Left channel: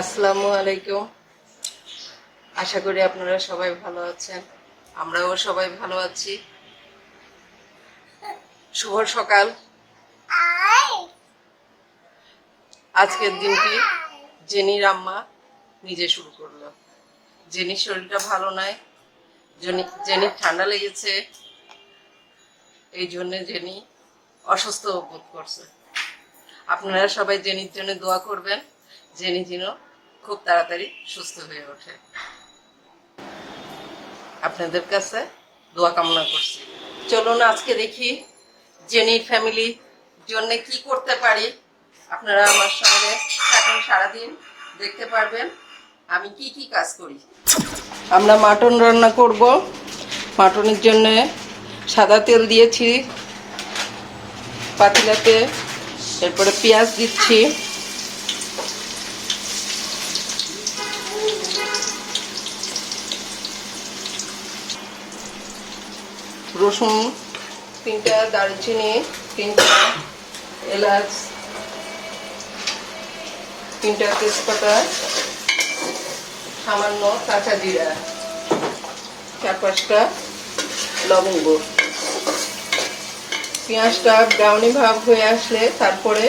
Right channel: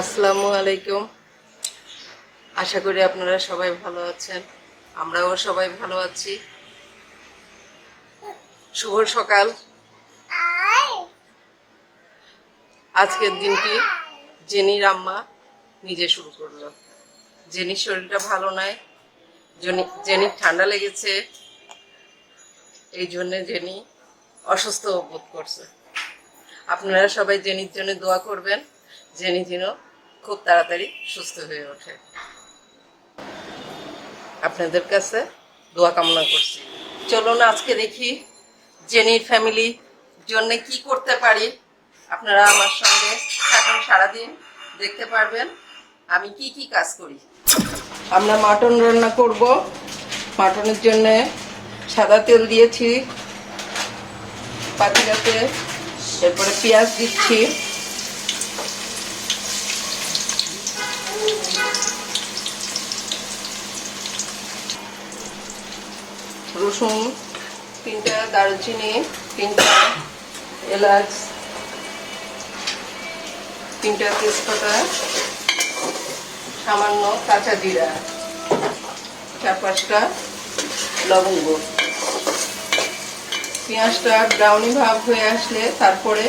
আসসালামু আলাইকুম। আশা করি আপনারা সবাই ভালো আছেন, আমরাও সবাই ভালো আছি। শুভ সকাল। আজকের দিনটি জেনির আম্মা নিজে শুরু করলো। জেনির শরীরটা ভালো নয়, জেনির ঠান্ডা লেগেছে, এই জন্য জেনি অসুস্থ বোধ করছে। আপনারা সবাই জেনির জন্য দোয়া করবেন, জেনি যেন খুব তাড়াতাড়ি সুস্থ হয়ে ওঠে। আপনাদের কাছে দোয়া কামনা করছি। চলুন আজকে দেখি জেনির ফ্যামিলির জন্য কি করতে পারি। আপনারা আমার সঙ্গে থাকুন, সারাদিন দেখতে পারবেন আমি কি কি কাজ করি। আমরা মাটন রান্না করব। মাটনের জন্য সাদা তেল দিয়েছি পাতিলাতে, এরপরে পেঁয়াজ দিচ্ছি, রসুন 3টা, দারুচিনি 3টা, এলাচ 3টা, তেজপাতা, সামান্য কাঁচা জিরা, 4-5টা লবঙ্গ। পেঁয়াজটা ব্রাউনি ভাব হয়ে আসলে তারপরে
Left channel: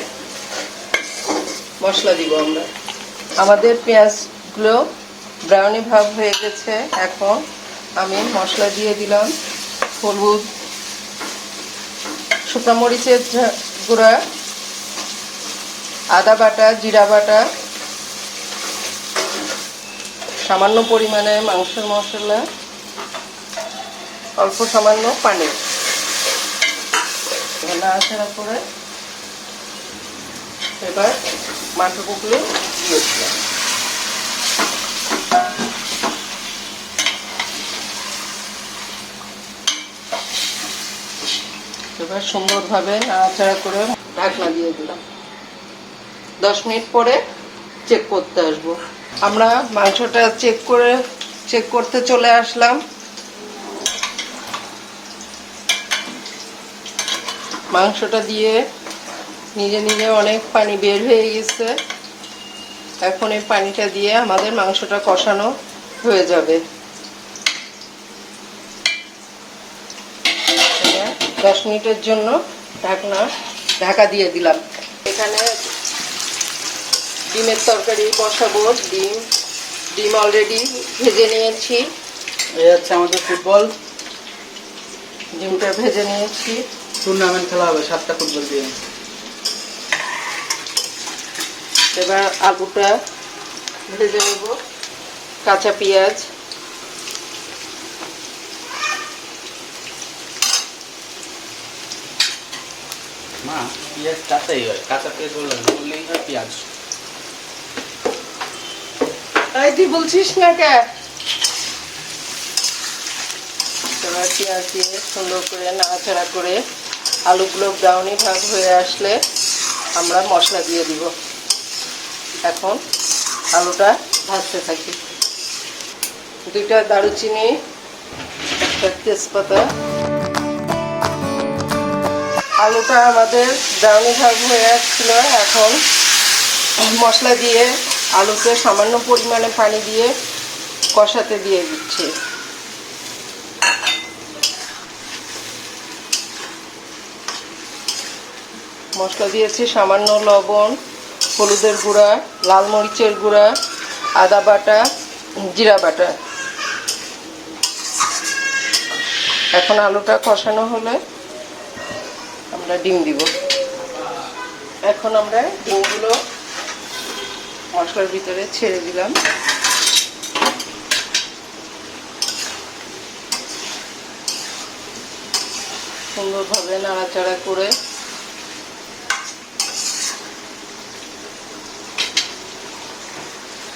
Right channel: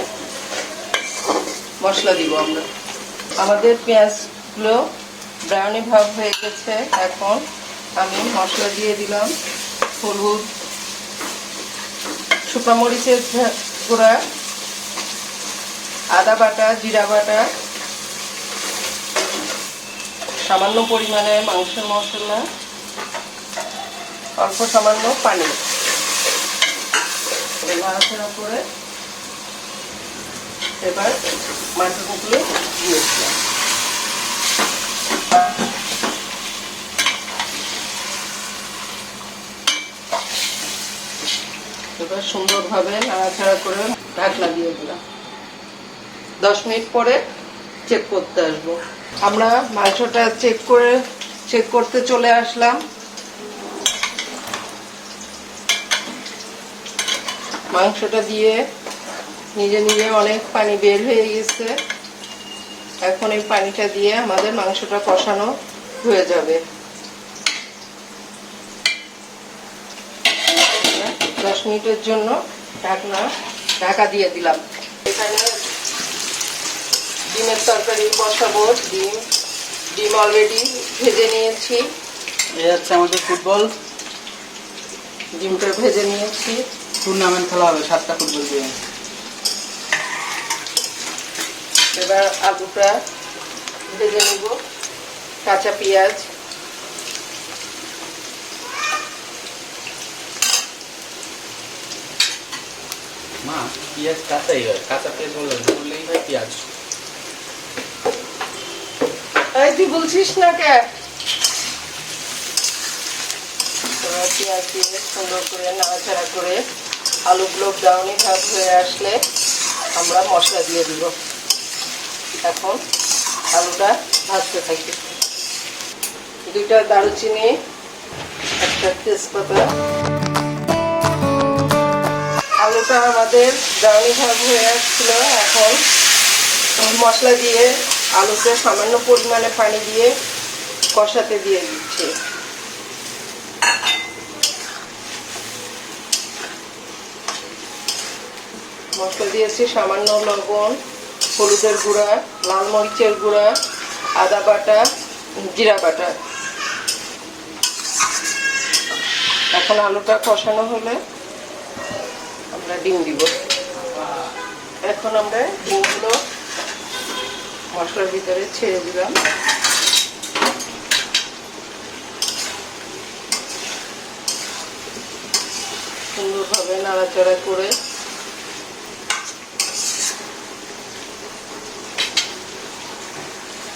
মশলা দিব আমরা। আমাদের পেঁয়াজগুলো ব্রাউনি ভাব হয়ে গেছে, এখন আমি মশলা দিয়ে দিলাম। হলুদ, শুকনো মরিচের গুঁড়া, আদা বাটা, জিরা বাটা, সামান্য পরিমাণে মাংসের মশলা, অল্প সামান্য পানি। নাড়াচাড়া করে এবার মাটনগুলো দিয়ে দিলাম। এবার সুন্দরভাবে নাড়াচাড়া করে ঢাকনা দিয়ে দিলাম। 10 মিনিট পরে চেক করতে আসবো। আমরা মাংসটা চেক করতে চলে আসলাম। মাংসটা দিয়ে নিজে নিজে অনেক পানি বের হয়ে গেছে। এখন এই পানিটা দিয়ে আমাদের মাংসটা কষানো হয়ে যাবে। 10 মিনিটের জন্য ঢাকা দিয়ে দিলাম। এখানে ডিমের তরকারি বসাবো। ডিম অলরেডি ভেজে নিয়েছি। এই হচ্ছে আমাদের ফুটবল। ডিমটা ভেজে নিয়েছি। টুর্নামেন্ট খেলা হবে 7টা ফুটবল দিয়ে। এবার আলুটা ভেজে নেব, কাঁচা পেঁয়াজ, মা পেঁয়াজ কাঁচাই হয়, কাঁচা পেঁয়াজ বললেই হয় পেঁয়াজ। এই তুই বলছিস না কে? এবার পেঁয়াজ দিয়ে সুন্দর করে নাড়াচাড়া করে আলুগুলো ব্রাউনি ভাব হয়ে আসলে আমরা মশলা দিয়ে দিব। এখন আলুটা ভাজতে থাকি। 2টা দারুচিনি, 1টা তেজপাতা। আলুটা আমাদের ব্রাউনি ভাব হয়ে আসছিল। এখন মশলা দিয়ে আলুতে সামান্য পরিমাণে পানি দিয়ে কষাতে দিয়ে দিচ্ছি। মশলা দিয়েছি সামান্য লবণ, হলুদের গুঁড়া, লাল মরিচের গুঁড়া, আদা বাটা, জিরা বাটা। এখন আলুটা কষানো হলে আমরা ডিম দিব। এখন আমরা ডিমগুলো মশলার ভিতরে ছেড়ে দিলাম। সুন্দরভাবে নাড়াচাড়া করে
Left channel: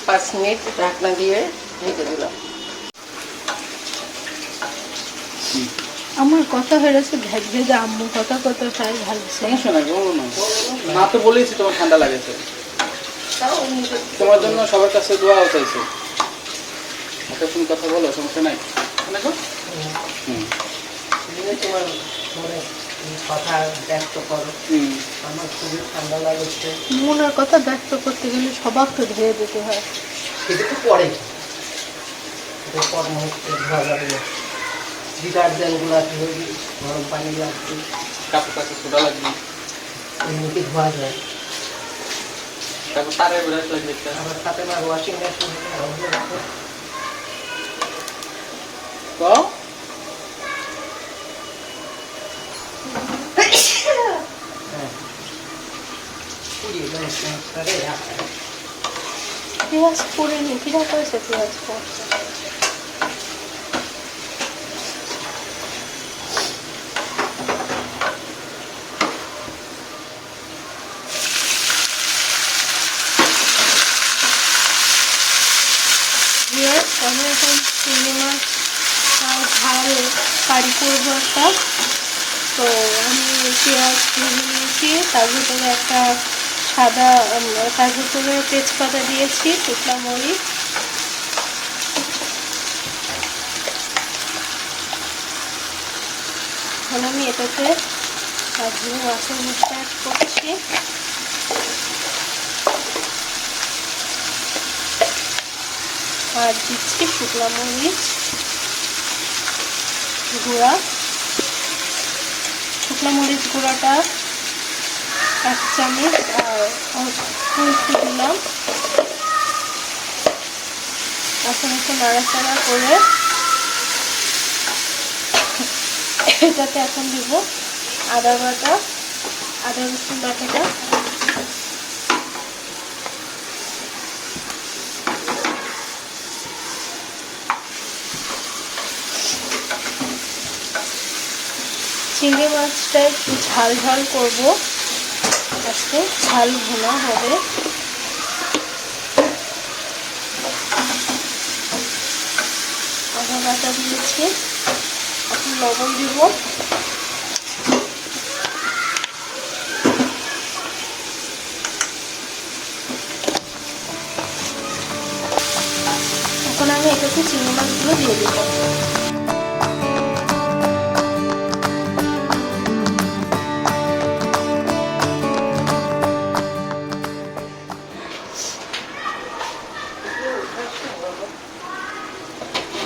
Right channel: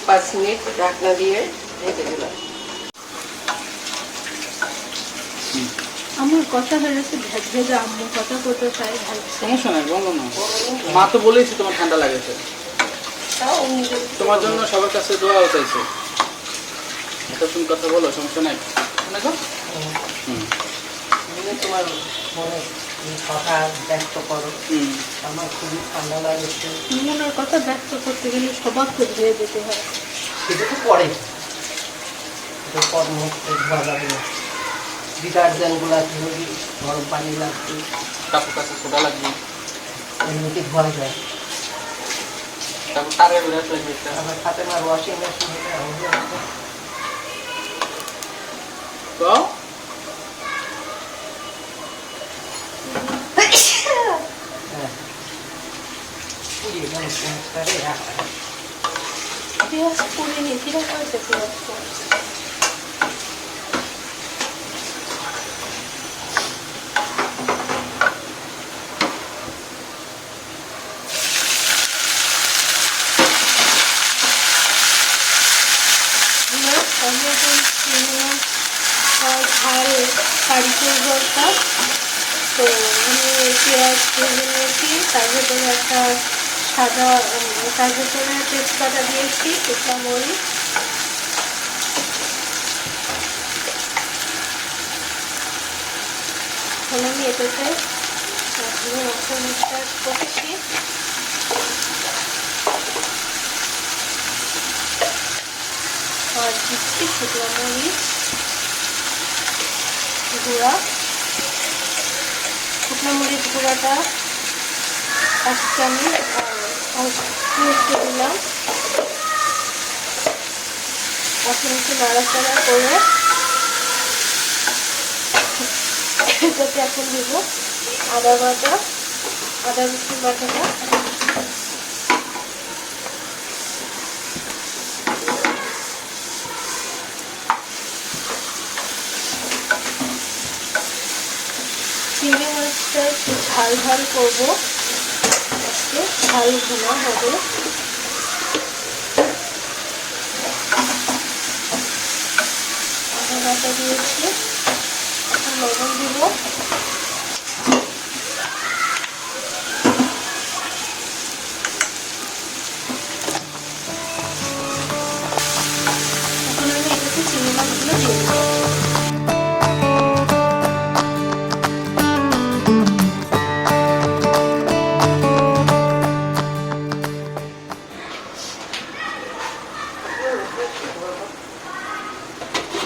5 মিনিট ঢাকনা দিয়ে ঢেকে দিলাম। আমার কথা হয়েছে ভেজে আম্মু কথা কত চাই ভালো। সমস্যা নাই, বলো না। মা তো বলেছি তোমার ঠান্ডা লাগেছে, তোমার জন্য সবার কাছে দোয়া চাইছে। তুমি কথা বলো, সমস্যা নাই। তোমার এই কথা ব্যক্ত করো। আমার খুবই ঠান্ডা লাগছে। মনের কথা ব্যক্ত করতে গেলে সবাইকে ধুয়ে দিতে হয়। এটা তো পরে, এটা পর মুহূর্তে ধোয়া যাবে না। ডিটারজেন্টগুলো ধুয়ে দিই, গরম পানি লাগবে, কাপড় কাপড় সোডা লাগবে, এমনিতে ধোয়া যায়। তারপর তারে ব্রাশ লাগবে একটা। আমার সাথে আমার ওয়াশিং মেশিন হবে। তো হ্যাঁ, পুড়িয়ে দেয় রাখা। পেঁয়াজ করে নিয়ে কিরা করেছে পেঁয়াজ করে? আমি এখন সিনেমা ঝালে কারি করবো একটা। তো আমি পেঁয়াজ ভেজে নিয়েছি, তার ভিতরে একটা সাদা, তার ভিতরে তেজপাতা দিয়েছি, শুকনো মরিচ, আমি এটাতে তারপরে মাছের মিক্সচার করছি। আর দিচ্ছি শুকনো মরিচ গুঁড়া, শুকনো মরিচ গুঁড়াটা 1 চামচ, আর মিষ্টি দিলাম। এখন একটু নাড়াচাড়া করে এটাতে এখন দিব আদা বাটা, আদা রসুন বাটাটা, চিংড়ি মাছটা একটু ঝাল ঝাল করবো, আজকে ঝাল ভোনা হবে। আদা বাটা দিয়েছি, এখন লবণ দিব, এখন আমি এটাতে চিংড়ি মাছগুলো দিয়ে দেবো।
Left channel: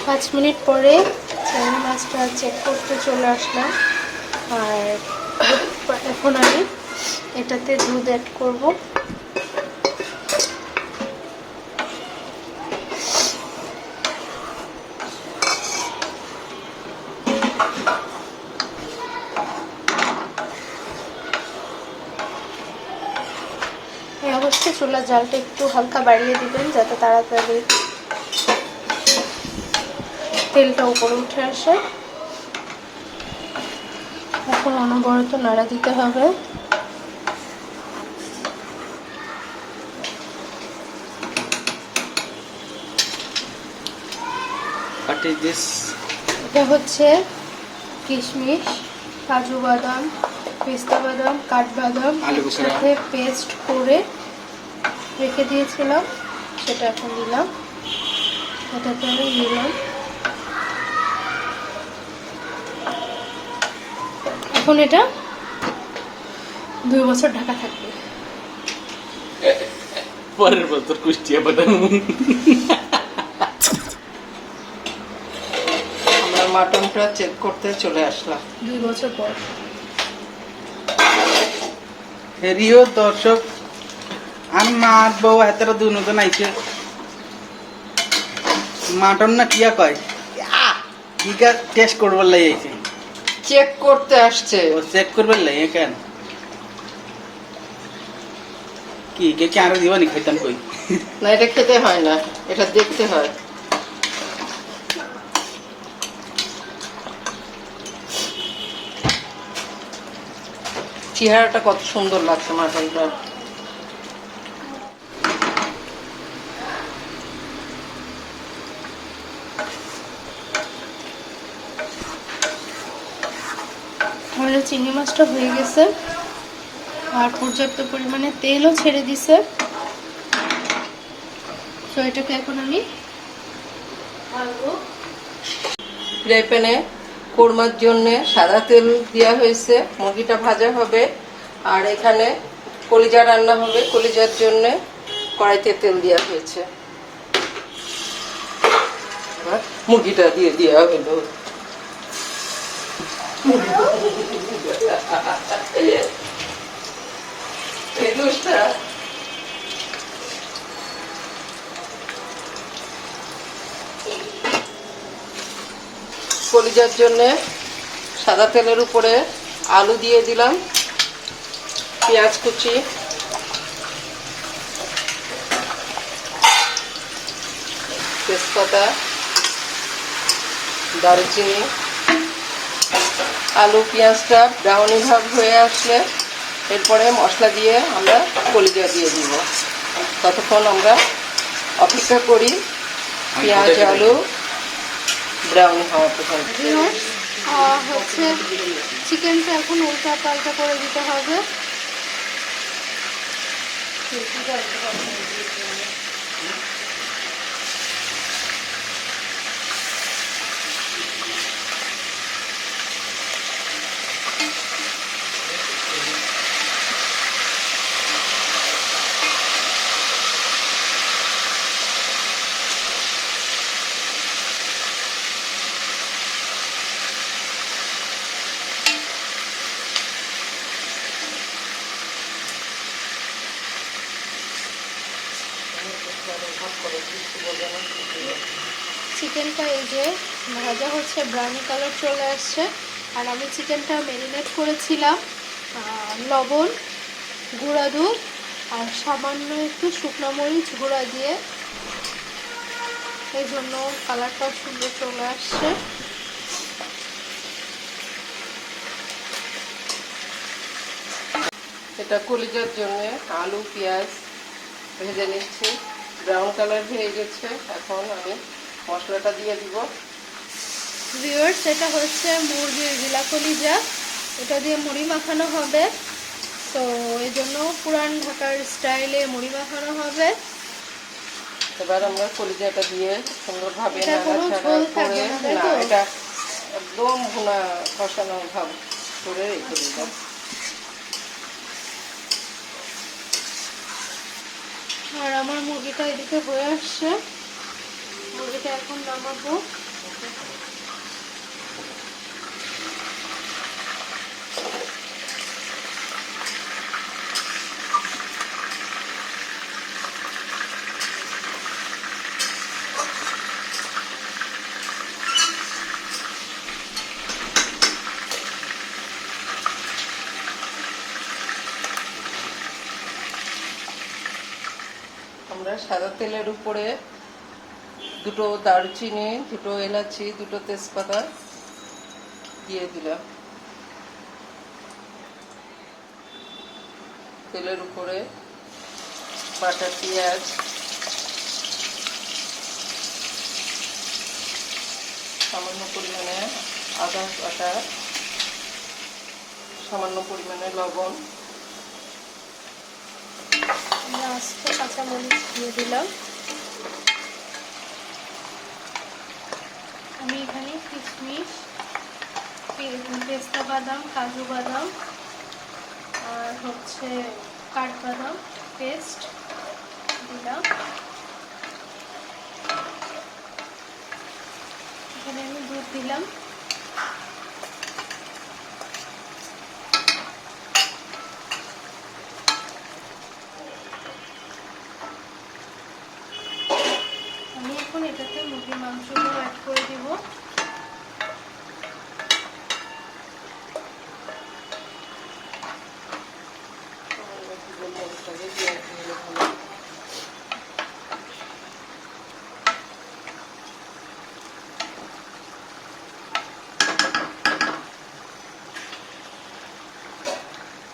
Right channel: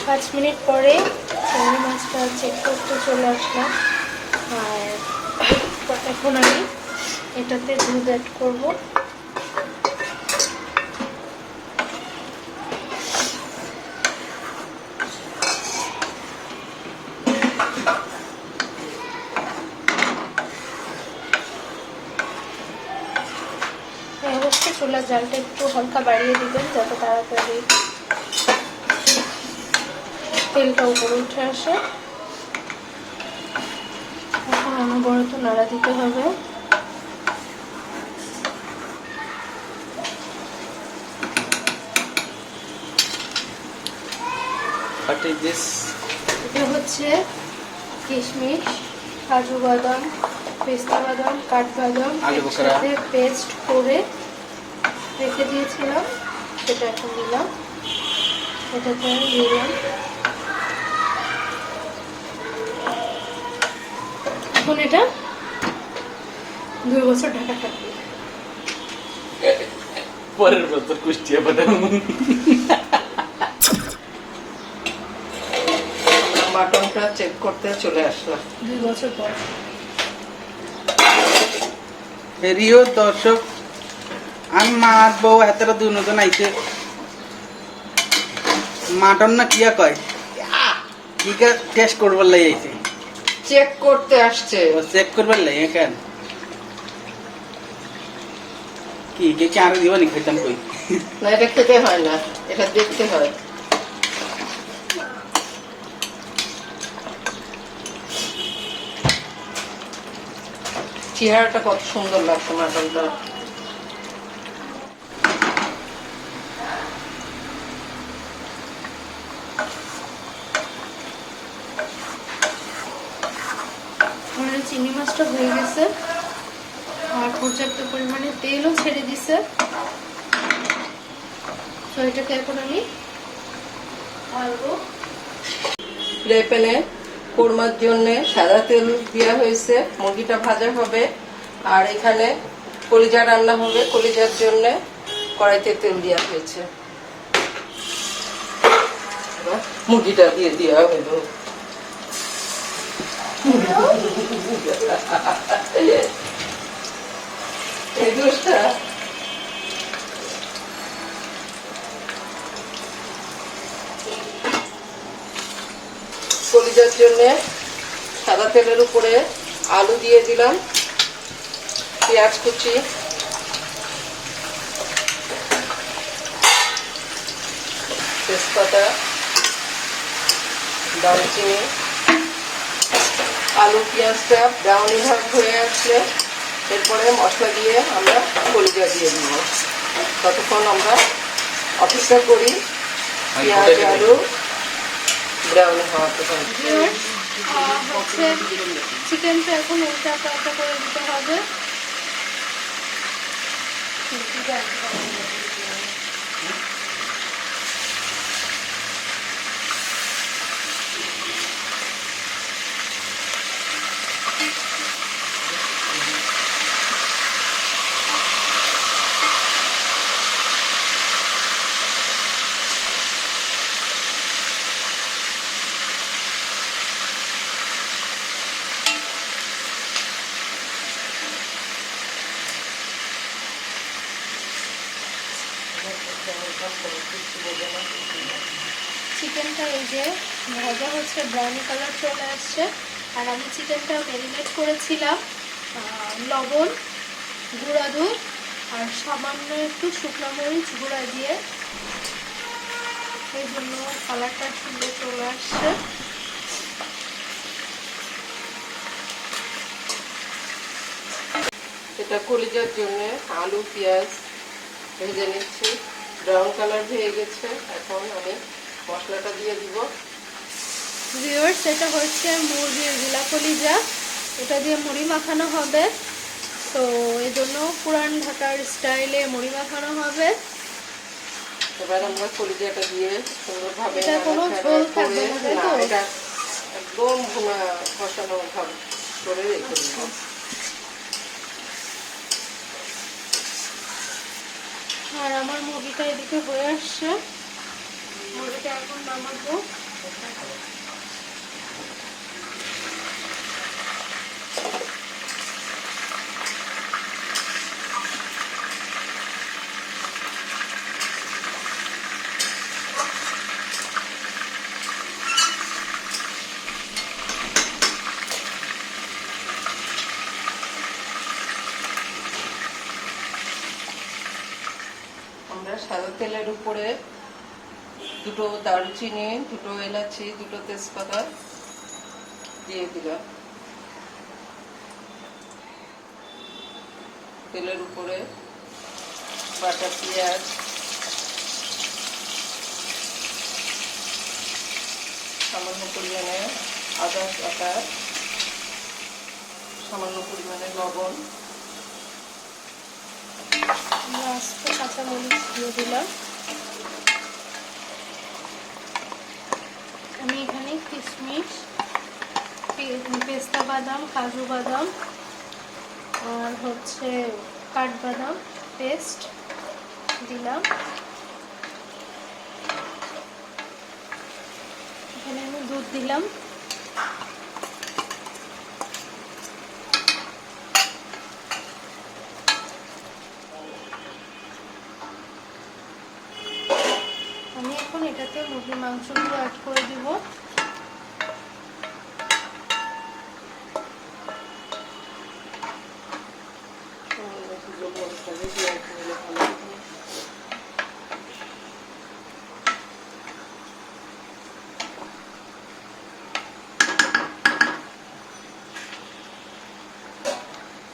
5 মিনিট পরে চিংড়ি মাছটা চেক করতে চলে আসলাম। আর এখন আমি এটাতে দুধ অ্যাড করব। এই অবস্থায় চুলার জালটা একটু হালকা বাড়িয়ে দিবেন, যাতে তাড়াতাড়ি তেলটা উপরে উঠে আসে। এখন অনবরত নাড়া দিতে হবে। What is this? এটা হচ্ছে কিশমিশ, কাজু বাদাম, পেস্তা বাদাম, কাঠবাদাম, আলু বোখরা একসাথে পেস্ট করে রেখে দিয়েছিলাম, সেটা এখন দিলাম। এটাতে আমি দিলাম। এখন এটা 2 বছর ঢাকা থাকবে। পরের বছর কুষ্টিয়া বানাবো। আমরা মাটনটা চেক করতে চলে আসলাম 2 বছর পর। হেরিও দর্শক আর মার বউ হাতেরা দুজন আইছে মাটন না কিয়া কয় কিকা টেস্ট করবার লাই আইছে, চেক করতে আসছে। ও চেক করবার লাই কেন কি কে কি আরো দিবানি খাইতাম কই না, এটা খেতে হয় না, এটা দেখতে হয়। চেহারাটা কত সুন্দর লাগছে মাটনটা। আমার চিংড়ি মাছটা হয়ে গেছে আর পর্যাপ্ত পরিমাণে তেলও ছেড়ে দিছে। তো এটাকে এখন আমি ঢালবো। ফ্রাই প্যানে কোরমার জন্য সাদা তেল দেওয়া হয়েছে, মুরগিটা ভাজা হবে। আর এখানে কলিজা রান্না হবে, কলিজার জন্য কড়াইতে তেল দেওয়া হয়েছে। এবার মুরগিটা দিয়ে দেওয়া হলো। এই দোষটা কলিজার জন্য সাদা তেলের উপরে আলু দিয়ে দিলাম, পেঁয়াজ কুচি, তেজপাতা, দারুচিনি। আলু পেঁয়াজটা ব্রাউনি ভাব হয়ে আসলে এরপরে মশলা দিয়ে আমরা কলিজা দিয়ে দিব। ততক্ষণ আমরা অপেক্ষা করি পেঁয়াজ আলু ব্রাউনি হওয়া পর্যন্ত। হচ্ছে চিকেনটা এখন উল্টা পাল্টা করে দিতে হবে। চিকেনটা এই যে ভাজা হচ্ছে, ব্রাউন কালার চলে আসছে। আর আমি চিকেনটা ম্যারিনেট করেছিলাম লবণ, গুঁড়া দুধ আর সামান্য একটু শুকনো মরিচ গুঁড়া দিয়ে, এই জন্য কালারটা সুন্দর চলে আসছে। এটা কলিজার জন্য আলু পেঁয়াজ ভেজে নিচ্ছি, ব্রাউন কালার হয়ে গেছে। এখন আমি মশলাটা দিয়ে দিব। ভিউয়ার্স, এটা হচ্ছে মুরগির গিলা কলিজা, এটা দিয়ে মুড়ি মাখানো হবে। তো এই জন্য পুরান ঢাকার স্টাইলে মুড়ি মাখানো হবে। এবার আমরা কলিজাটা দিয়ে সুন্দরভাবে এটা কোনো ঝোল থাকবে না, তাই তো? এটা একদম ভুনা কষানো ভাব করে রেখে দিব। আর আমার মুরগিটা এদিকে হয়ে আসছে, মুরগিটা এখন নামাবো। আমরা সাদা তেলের উপরে দুটো দারুচিনি, দুটো এলাচি, দুটো তেজপাতা দিয়ে দিলাম। তেলের উপরে কাটা পেঁয়াজ, সামান্য পরিমাণে আদা কাটা, সামান্য পরিমাণে লবণ, আমরা আস্তে কাঁচামরিচ দিয়ে দিলাম। আমি এখানে কিশমিশ, পেস্তা বাদাম, কাজু বাদাম আর হচ্ছে কাঠবাদাম পেস্ট দিলাম। এখানে আমি দুধ দিলাম। আমি এখন এটাতে মুরগির মাংসগুলো অ্যাড করে দিব।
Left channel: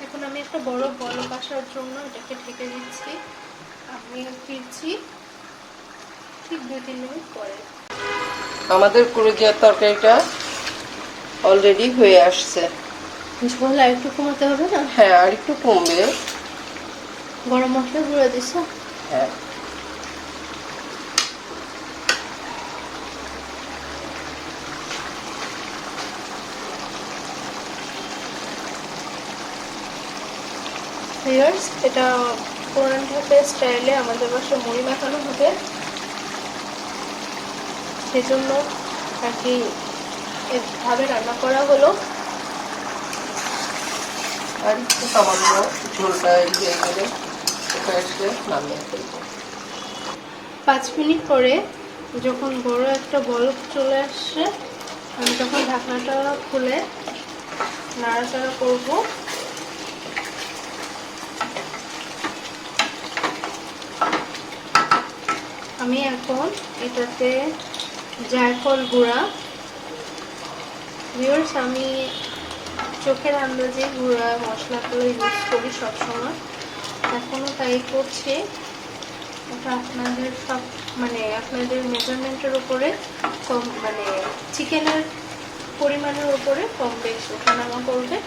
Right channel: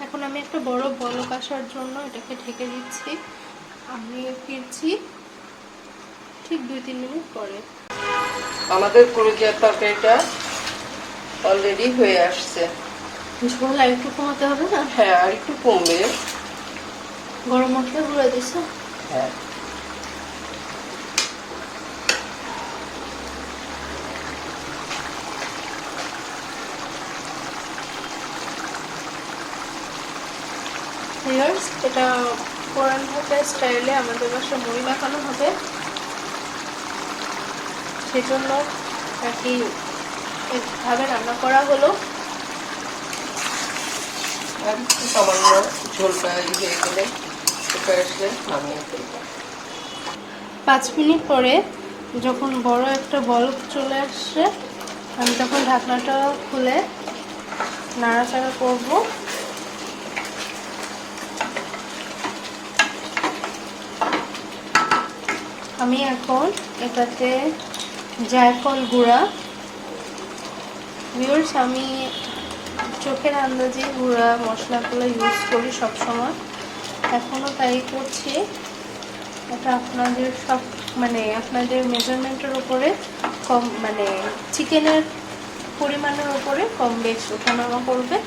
এখন আমি একটা বড় বলক আসার জন্য এটাকে ঢেকে দিচ্ছি। আমি ফিরছি ঠিক 2-3 মিনিট পরে। আমাদের কলিজার তরকারিটা অলরেডি হয়ে আসছে। ঝোল আর একটু কমাতে হবে না? হ্যাঁ, আর একটু কমবে। গরম মশলা গুঁড়ো দিছো? হ্যাঁ, ভিউয়ার্স, এটা পুরান ঢাকার স্টাইলে আমাদের বাসায় মুড়ি মাখানো হবে, সেজন্য আর কি এভাবে রান্না করা হলো। আর একটু সামান্য ঝোলটা হয়ে গেলে নামিয়ে ফেলবো। 5 মিনিট পরে যখন বড় একটা বল চলে আসছে, আমি তখন ঢাকনাটা খুলে নাড়াচাড়া করব। আমি এখন এটাতে জায়ফল গুঁড়া, ভিউয়ার্স আমি চোখের আন্দাজে গুঁড়া মশলাগুলো ইউজ করি সবসময়, এখনও তাই করছি। এটা আপনাদের সব মানে আপনাদের মেজারমেন্টের উপরে কম, মানে চিকেনের পরিমাণের উপরে কম বেশ ওঠানামা করবে।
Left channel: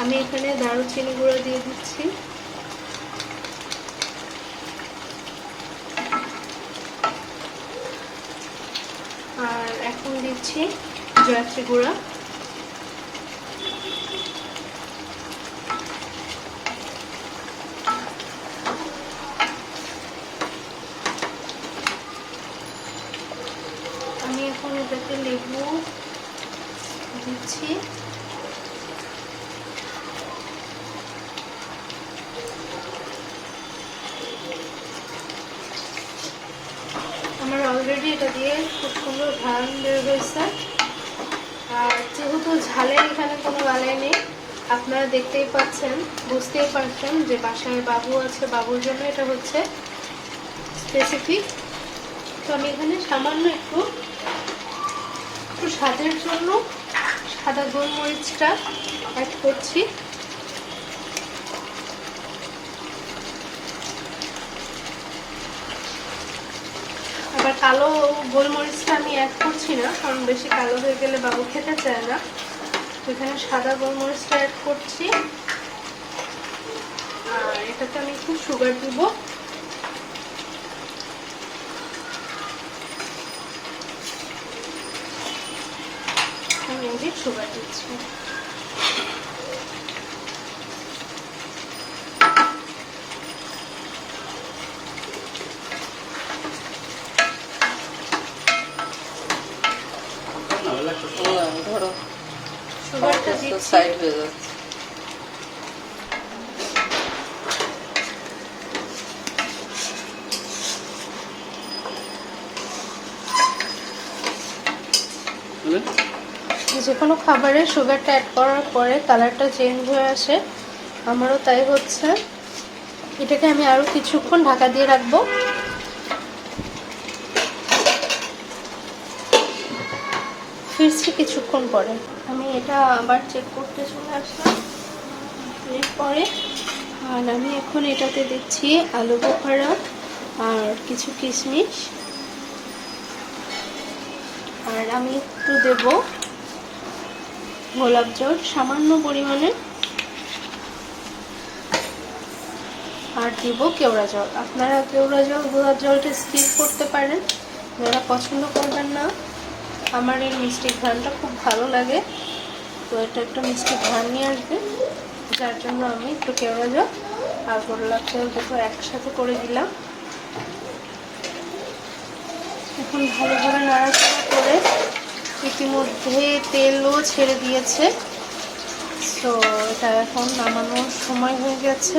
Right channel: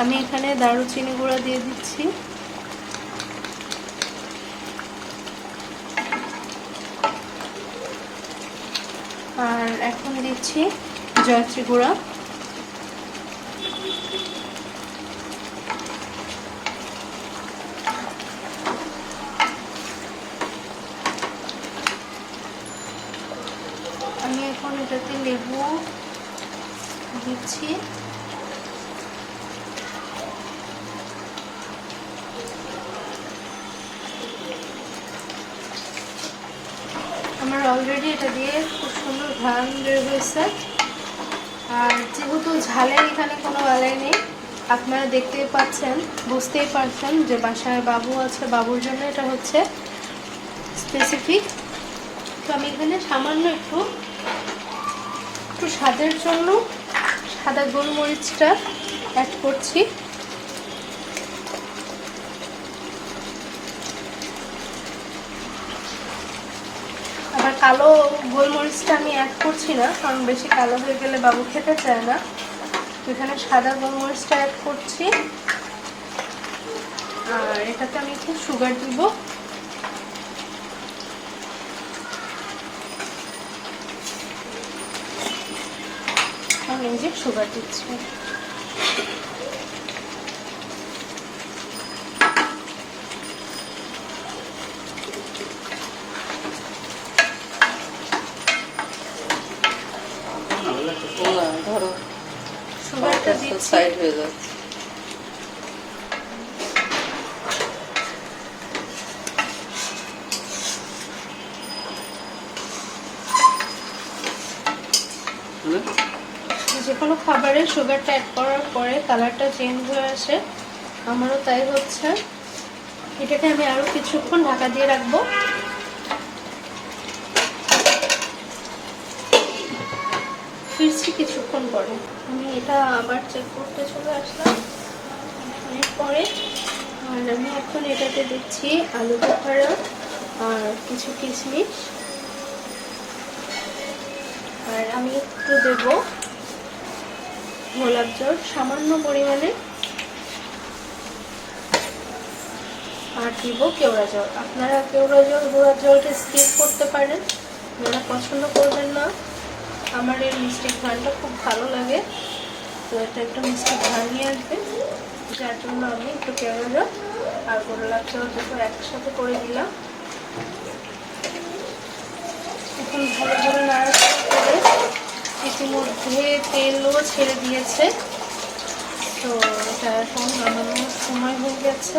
আমি এখানে দারুচিনি গুঁড়া দিয়ে দিচ্ছি, আর এখন দিচ্ছি জয়ত্রী গুঁড়া। আমি এখন এটাতে লেবু দিচ্ছি, আমার অলরেডি এটা দিয়ে খুব সুন্দর ঘ্রাণ বের হয়েছে। আর যেহেতু ঝালের এখানে কোনো আলাই নেই, আপনারা দেখতেই পাচ্ছেন, বুঝতেই পারছেন যে বাসায় বাবু আছে, বাবুর জন্য এটা হচ্ছে স্পেসিফিক। তো আমি এখানে সামান্য একটু স্বাদের জন্য সাদা গোলমরিচটা অ্যাড করছি। আবার কালো গোলমরিচটা আমি অ্যাড করছি না, কারণ বেশি কালো হয়ে গেলে বাবু খেতে চায় না। তো এখানে সাদা গোলমরিচটা অ্যাড করছি, আর এটাতে আমি একটু সুগার দিব। আমি এই যে সুগার দিচ্ছি। ধরো সুগারটা দিচ্ছি। সাইড হয়ে যাচ্ছে। যে কোনো খাবারে সুগারটা অ্যাড করার পরে কালারটা চেঞ্জ হয়ে আসে, আমারও তাই হচ্ছে। এটাকে আমি আরো কিছুক্ষণ ঢাকা দিয়ে রাখবো। ফিরছি কিছুক্ষণ পরে। আমি এটা আবার চেক করতে চলে আসলাম পরে, আর আমি এখন এটাতে দিচ্ছি আলু বোখারা আর কিছু কিশমিশ, আর আমি একটু দেবো গোলাপ জল সামান্য পরিমাণে, আর দিব কেওড়া জল। আপনারা কেওড়া জল গোলাপ জলটা স্কিপ করতে পারেন, যারা পছন্দ করবেন না। আমার এই মিষ্টি ঘ্রাণটা খুব ভালো লাগে, তো এটা একটা মিষ্টি ঘ্রাণ নিয়ে আসবে, যার জন্য আমি একটু কেওড়া জল আর গোলাপ জল দুটো একসাথে করে দিলাম। এখন ভালো করে নাড়াচাড়া করে ইতিমধ্যে তেলও ছেড়ে দিয়েছে, তো এটা এখন নামানোর সময় হয়ে গেছে।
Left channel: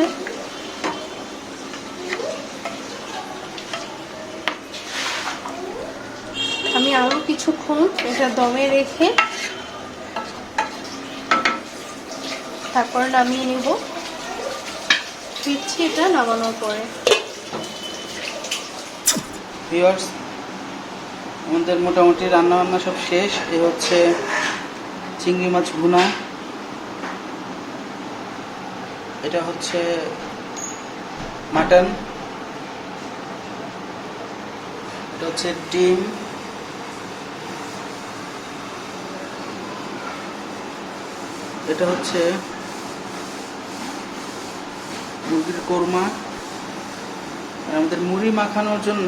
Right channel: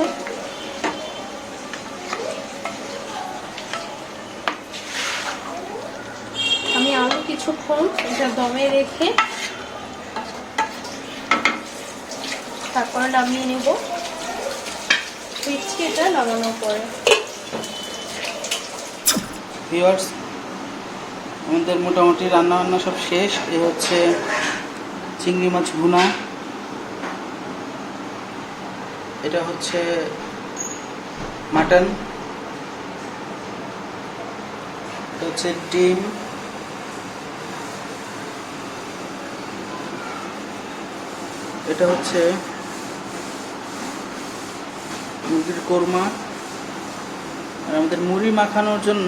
আমি আরো কিছুক্ষণ এটা দমে রেখে তারপর নামিয়ে নেব। ফিরছি এটা নামানোর পরে। ভিউয়ার্স, আমাদের মোটামুটি রান্না বান্না সব শেষ। এ হচ্ছে চিংড়ি মাছ ভুনা, এটা হচ্ছে মাটন, এটা হচ্ছে ডিম, এটা হচ্ছে মুরগির কোরমা, আর আমাদের মুড়ি মাখানোর জন্য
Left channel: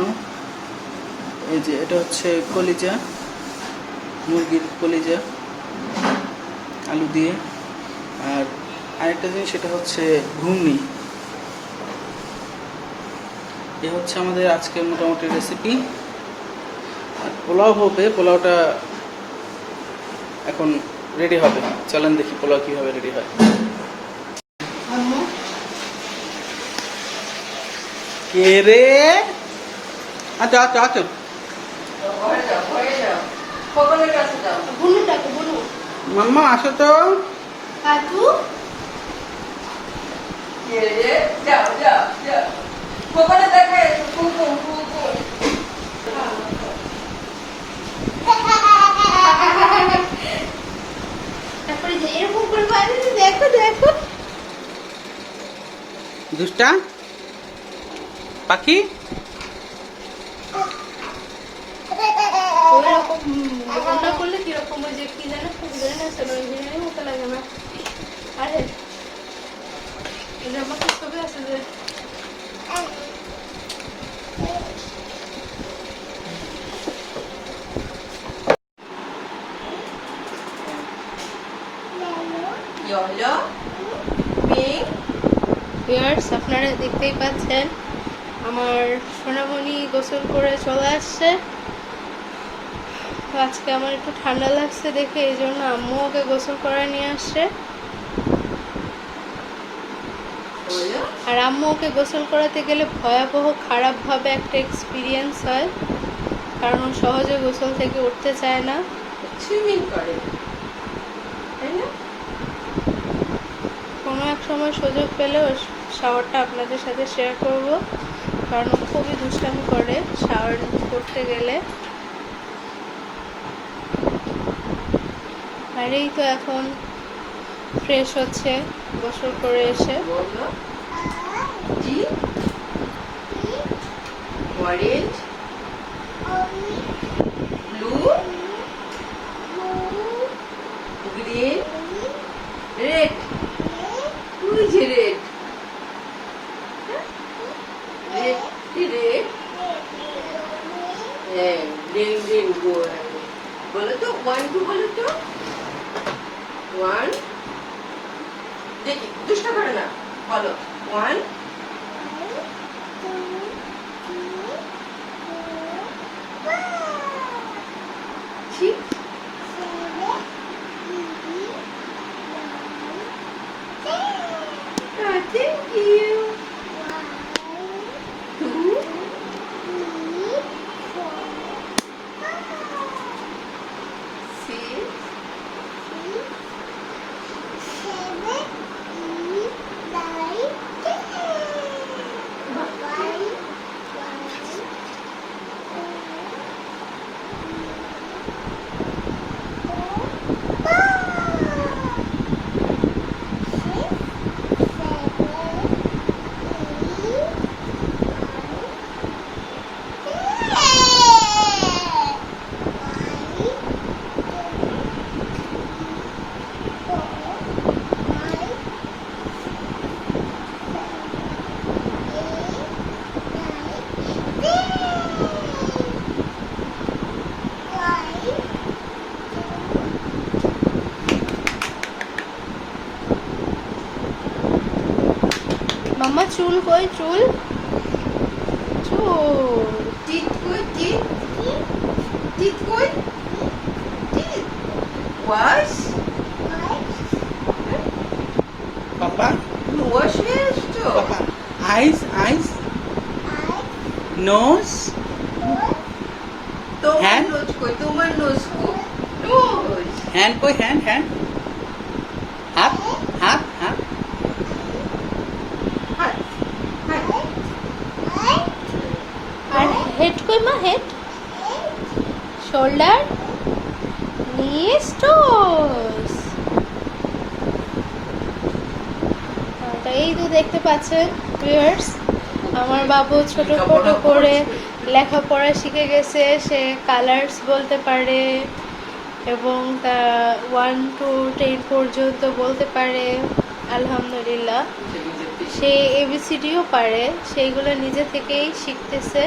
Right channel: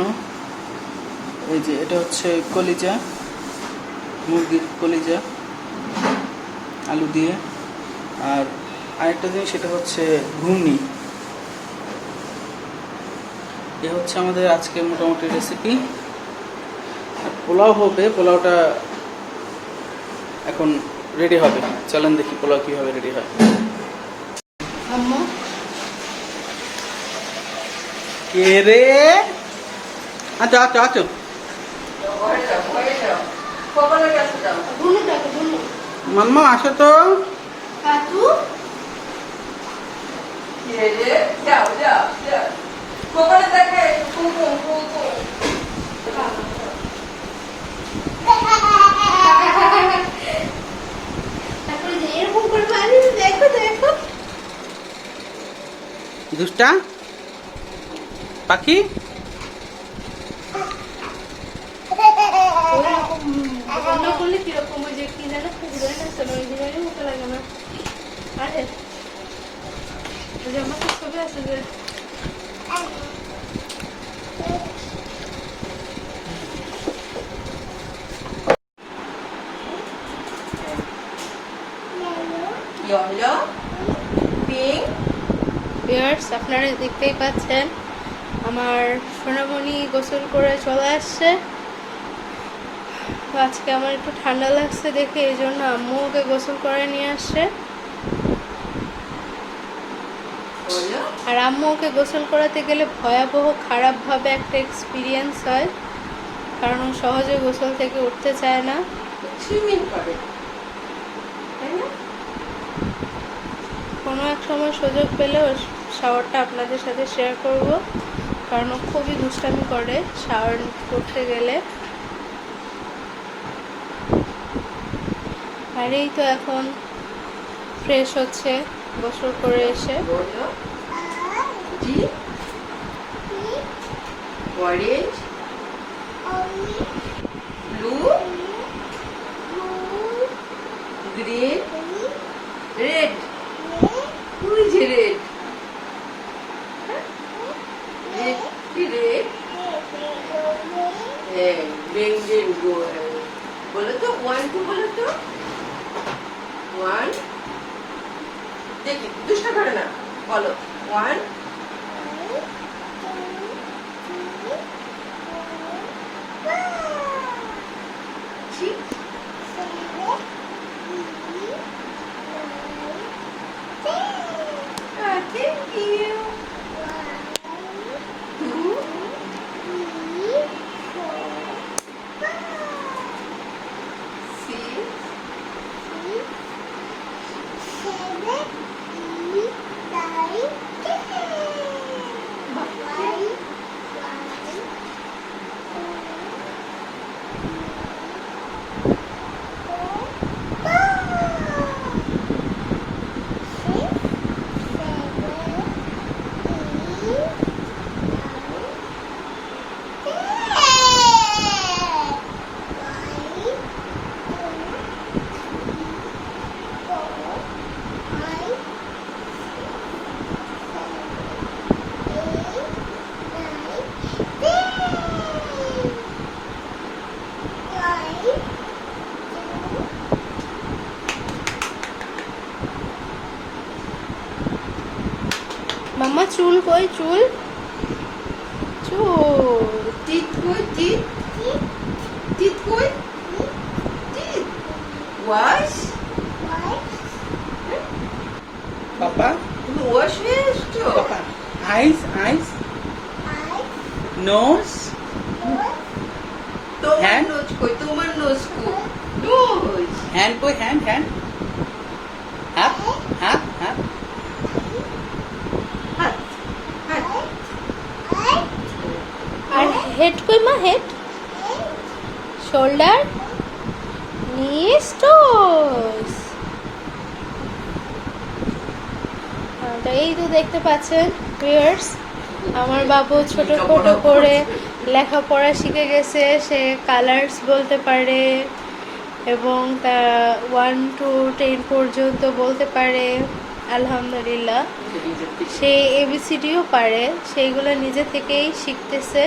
এই যে এটা হচ্ছে কলিজা, মুরগির কলিজা আলু দিয়ে। আর আরেকটা জিনিস, সেটা হচ্ছে ঘুগনি, এ হচ্ছে আমাদের আজকের মোটামুটি রেসিপি। আর পোলাও হবে, পোলাওটা এখন রেডি হবে। চলেন দেখি পোলাও কিভাবে রেডি হয়। কে রে? আচ্ছা আচ্ছা আচ্ছা, ঘরে যাও, ঘরে যাও, খবরের কাছে যাও। বুনু ডাকো, বুনু। মাম্মা আসো তো। কাকু, কে রে? যাও, যাও, যাও। খবরে দেখে, কুকুম, কুকুম। তারপরে যে এরকম করে বানিয়ে দেখো দেখো। দুষ্টা পাখি। ওরকম রান্না করলে কিরকম ওই যে কি যেন ফুলের না ছিল, ওই বিরিয়ানির মতো লাগে না? আরে এই যে আমার তো ছবি আছে যে ইয়েলো, পিঙ্ক। ভিউয়ার্স, আপনারা দেখতেই পাচ্ছেন আমার সোনামণি গোসল করে চলে আসছে। তো আজকে আমার একটু ঠান্ডা লাগছে দেখে এই জন্য আম্মু ওকে গোসল করে নিয়ে আসছে। হলো? আর আম্মু ওকে গোসল করাতে গেলে ভয়াবহ খারাপভাবে একটা এক্সপিরিয়েন্স হয়, কারণ ও সহজে গোসল থেকে উঠতে চায় না। সুইমিং করে, তাই না? কোনো এক সময় সুযোগ পেলে ওর শাওয়ারটা আপনাদের সাথে শেয়ার করব, কারণ ও খুবই দুষ্টামি করে শাওয়ার করতে গেলে। আর এই তো এখন ফ্রেশ হচ্ছে গোসল করে এসে। বলো। জি? Orange, blue, green, red. ওই যে রেড। রেড কি রেড? হ্যাঁ, গ্রিন গ্রিন গো। বলো তো, 1 2 বলো তো। 1, দেখি দুষ্টা করে না, বলো। 1, 6, thank you. 2, 6, মাম্মা চুল কই? চুল চুল teeth good, teeth, teeth good, teeth. Wash, papa wash wash to. Papa, eyes eyes, nose, তোমার Hand? nose কই? তোমার nose কই? Nose. হ্যান্ড কই? হ্যান্ড হ্যান্ড, হাত হাত হাত, হাত, হাত। আর হেড কই মা? হেড, শোল্ডার, নিস, টোস। এই তো দেখতে পাচ্ছেন ভিউয়ার্স, আমার বাবু ছোট ছোট করে লেখাপড়া শিখে গেছে। সে কালার্স বলতে পারে এবং তা 1 to 10 পর্যন্ত বলতে পারে। আলহামদুলিল্লাহ, সে এবিসিডিও পারে, সেইগুলো নিজে থেকেই শিখতেছে।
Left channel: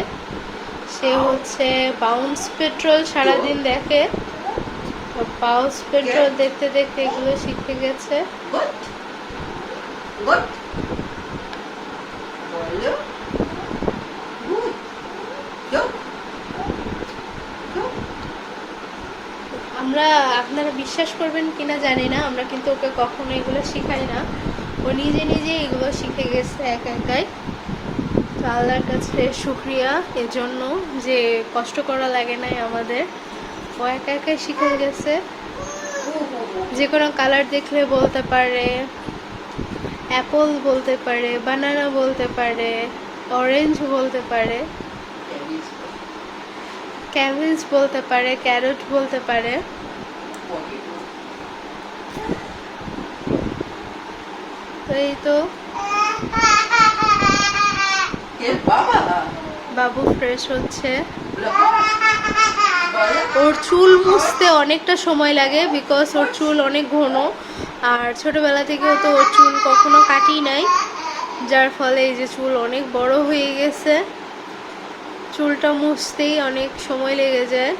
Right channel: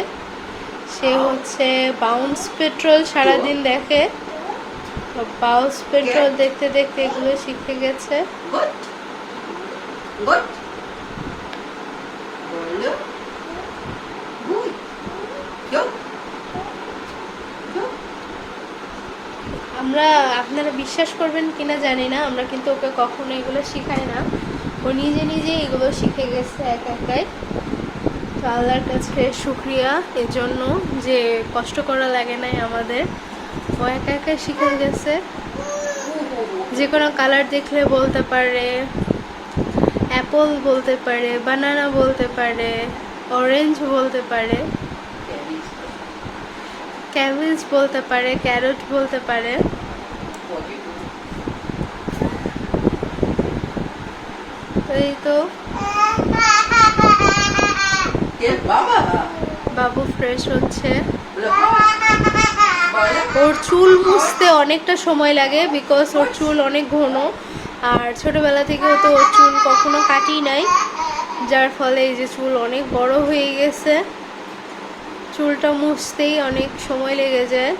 সে হচ্ছে বাউন্স পেট্রোল সারাদিন দেখে, বাউন্স পেট্রোল দেখতে দেখতে এগুলো শিখতে গেছে। Good. Good. বলো। আপনারা বিশ্বাস করবেন কিনা জানি না, আমরা কিন্তু ওকে কখনো এগুলো শিখাই না। ও নিজে নিজে এগুলো শিখে গেছে একাই। তো আল্লাহর কাছে শুকরিয়া এজন্য যে কষ্ট করা লাগে নাই আমাদের, ও একাই শিখে গেছে। যে কোনো কালার দেখলে বলতে পারে, অ্যাপল বলতে পারে, বানানা বলতে পারে, অরেঞ্জ বলতে পারে, ক্যাবেজ বলতে পারে, ক্যারট বলতে পারে। তো এই তো বাবু ফ্রেশ হচ্ছে। ওর চুল মুছতে অনেকটা সময় লাগে, বিকজ ওর চুল অনেক ঘন, আর ছোটবেলা থেকেও তো ওর চুল কখনো কাটি নাই, যার ফলে এই যে চুল অনেক বড় হয়ে গেছে। চুলটা মুছতেই অনেক সময় লেগে যায়।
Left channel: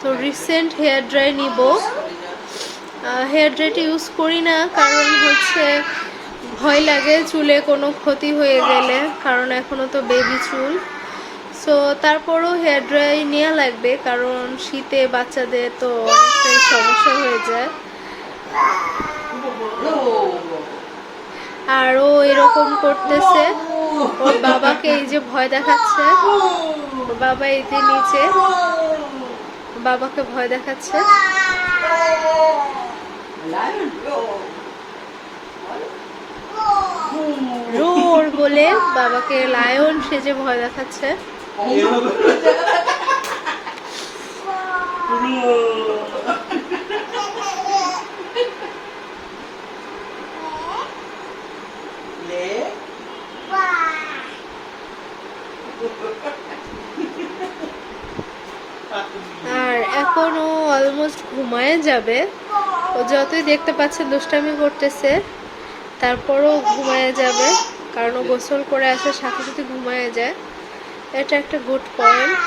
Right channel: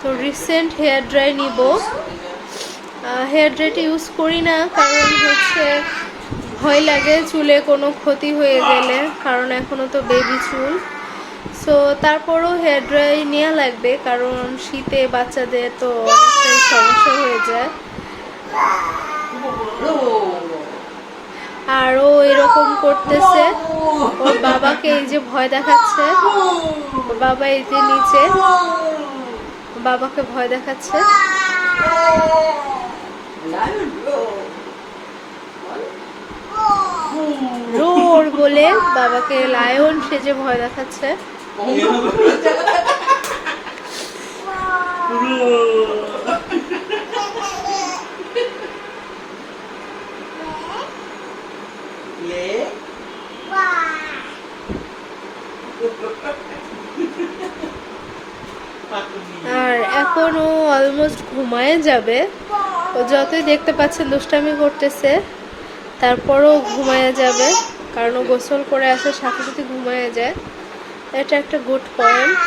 তো রিসেন্ট হেয়ার ড্রাই নিব। হেয়ার ড্রাইটা ইউজ করি না, কারণ হচ্ছে ভয় লাগে চুলে কোনো ক্ষতি হয়ে গেলে, কারণ এখনো তো বেবি চুল। সো তারপরও হেয়ার ড্রাই নেওয়া লাগবে, কারণ শীতে বাচ্চাদের তো অনেকটাই সমস্যা হয়ে যায়। আর ও এরকম করতেছে, ওর বাবাকে এই যে ভয় দেখাচ্ছে। ওর বাবা এই যে নিচে বাবাকে ভয় দেখাচ্ছে। রোর বলে বাবাকে লায়ন সেজে ভয় দেখাচ্ছে। আর এখন ও অলমোস্ট ঘুমায় যাবে। ও যতই দেখতে পাচ্ছেন দুষ্টামি করতেছে, তারপরও ঘুমায় যাবে, কারণ ও গোসল করে আসে সাথে সাথে ঘুমায় যায়। এটা একটা গুড পয়েন্ট।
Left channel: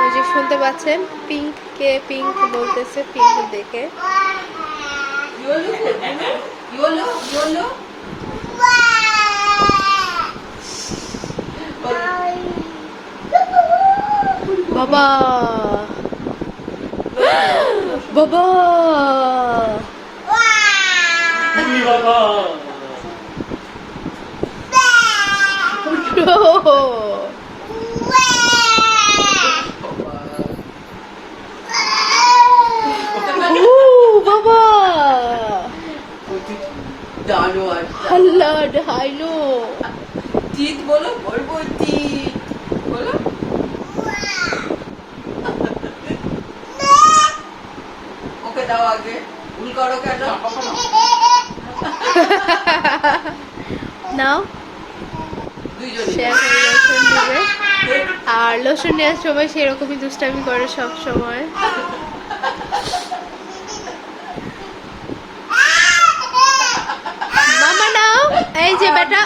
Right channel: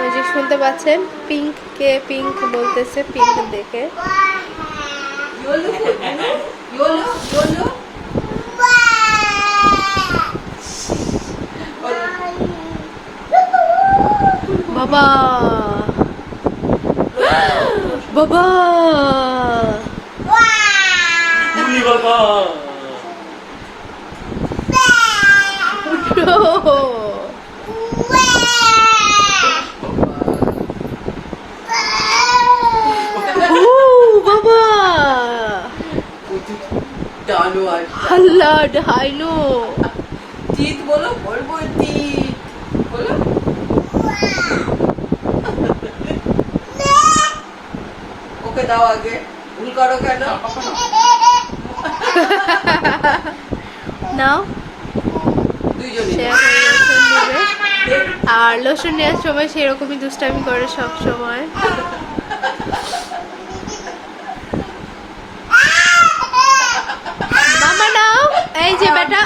ওই যে শুনতে পাচ্ছেন পিঙ্ক কে পিঙ্ক বলতেছে, পিঙ্ক দেখে। বাবা বাবা বাবা আল্লাহ ডাইনো চিত বলো, বলবো চিত বলো। ওকে দাও আগে, ভুল করো কেন? নাও দুইজনে সে এখন লোশন নেবে, আর লোশন নেওয়ার সময় সেরকমই দুষ্টামি করে সব সময়। মামা নাও, এই যে বেটা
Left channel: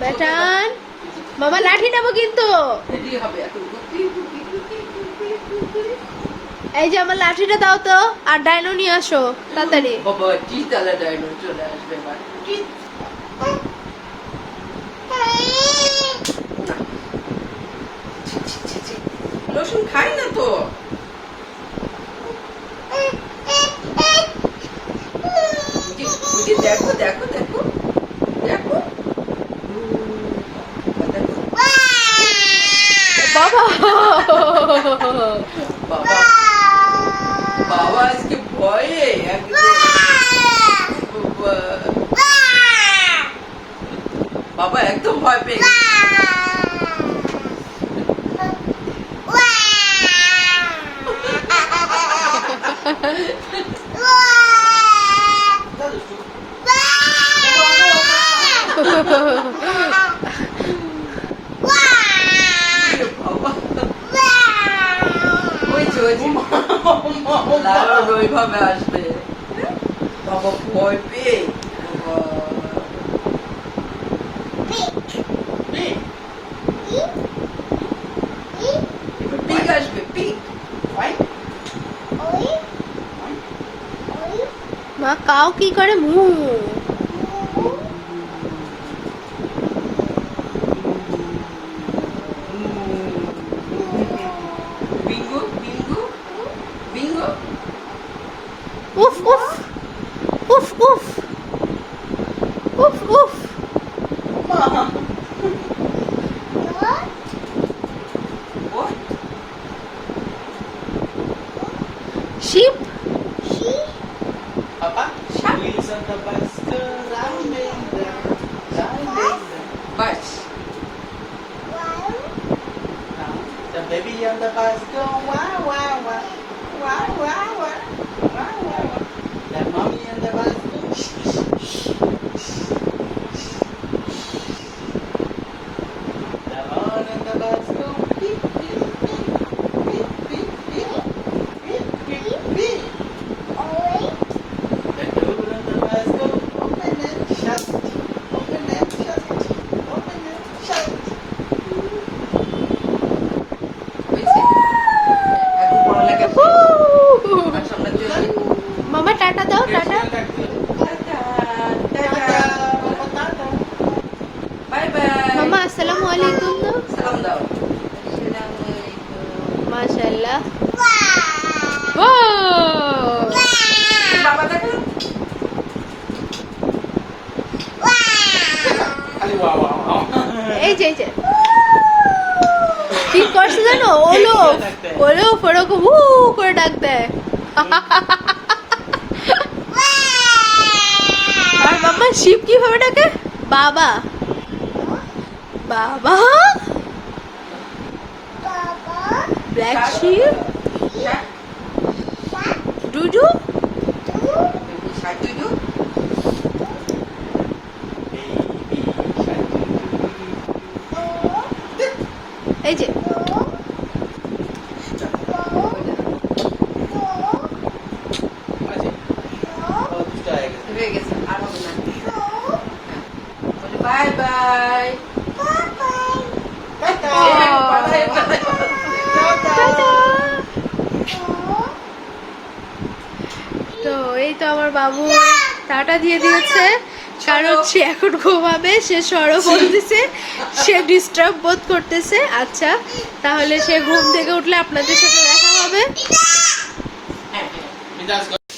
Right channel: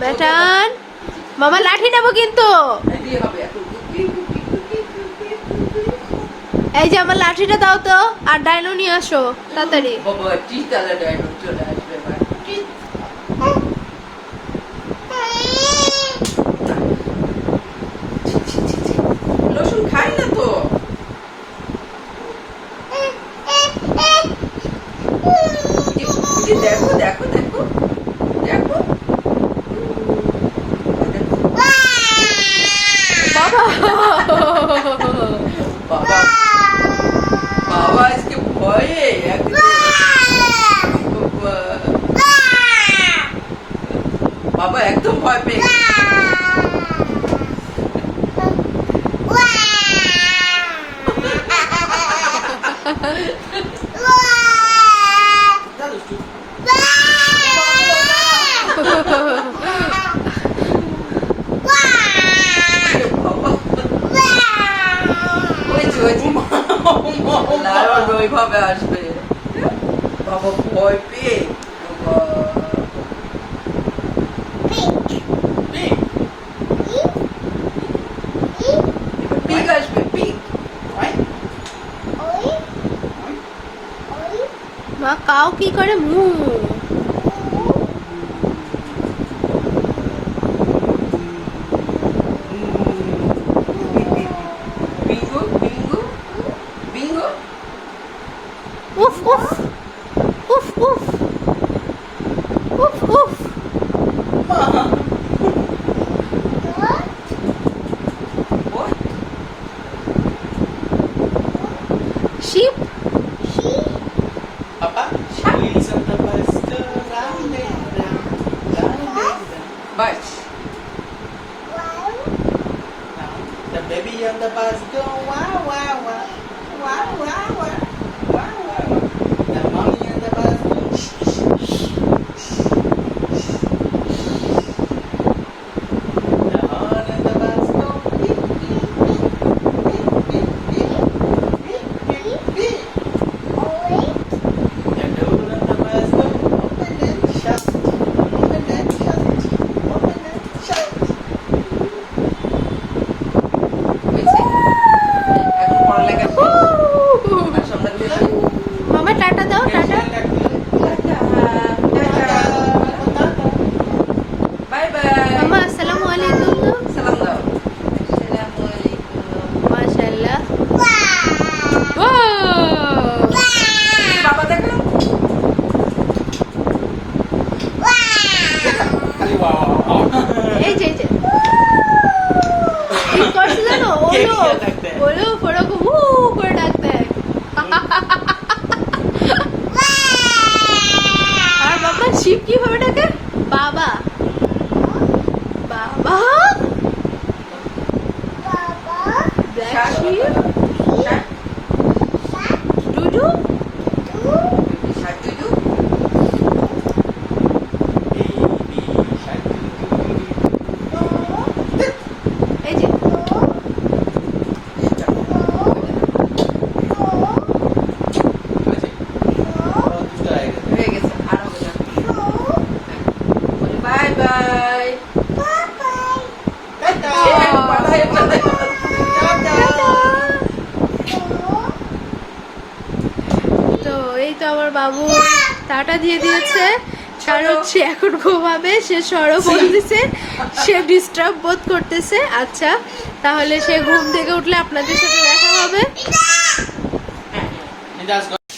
বেটান, মামা লাঠি নেবো কিন্তু। এই যে আমার লাঠিটা দাও তো, আর ডাইনো নিয়ে আসো তাড়াতাড়ি। বাবা চিতালা ডাইনো চলে আসবে এবার। লসুন খাই না তো। দেখো দেখো দেখো দেখো বাবা বাবা বাবা আজকে ভয়ে বাবা একদম ভয় পেয়ে গেছে। ওইভাবে আসবে বাবা ভয় পেয়ে। পাও কি করে মু। বিঙ্গু বিঙ্গু বিঙ্গু। উফ উফ উফ উফ উফ উফ। What? Ship. Papa, she's on the bicycle, riding down, riding But down. The baby on the bicycle, wow, wow, wow, wow, wow, wow, wow, wow. The mommy on the bicycle, the horn on the bicycle, beep, beep, beep, beep, beep, beep, beep, beep, beep. The door on the bicycle, open and shut, open and shut, open and shut. হয়েছে? এখন পড়ালেখা শেষ। আচ্ছা, আমরা চলে যাই। মামা tata দাও, tata. Tata, tata. Bye bye. মামা আসসালামু আলাইকুম দাও। সালাম দাও। আসসালামু আলাইকুম। মাশাআল্লাহ। ও বাবা দেখো। খালি ওয়া ওয়া ওয়া। এই যে কি করছে জানো, ওলো ওলো ফড়কো হু করে ডাক দেয়। আর মামা শিব কিভাবে ডাকে? বাবা বাবা ব্ল্যাক শিপ ডুডু। সাজুজু। এই যে হয়ে গেছে, আর হবে না। Bye bye. টাটা। তো এই তো আমার বাবু টাটা দিয়ে দিয়েছে, কারণ সে এখন ঘুমাবে, সে সরব বলতেছে, সে ডিস্টার্ব বোধ করতেছে। আচ্ছা তাহলে সে ঘুম থেকে উঠলে আপনাদের সাথে দেখা হবে।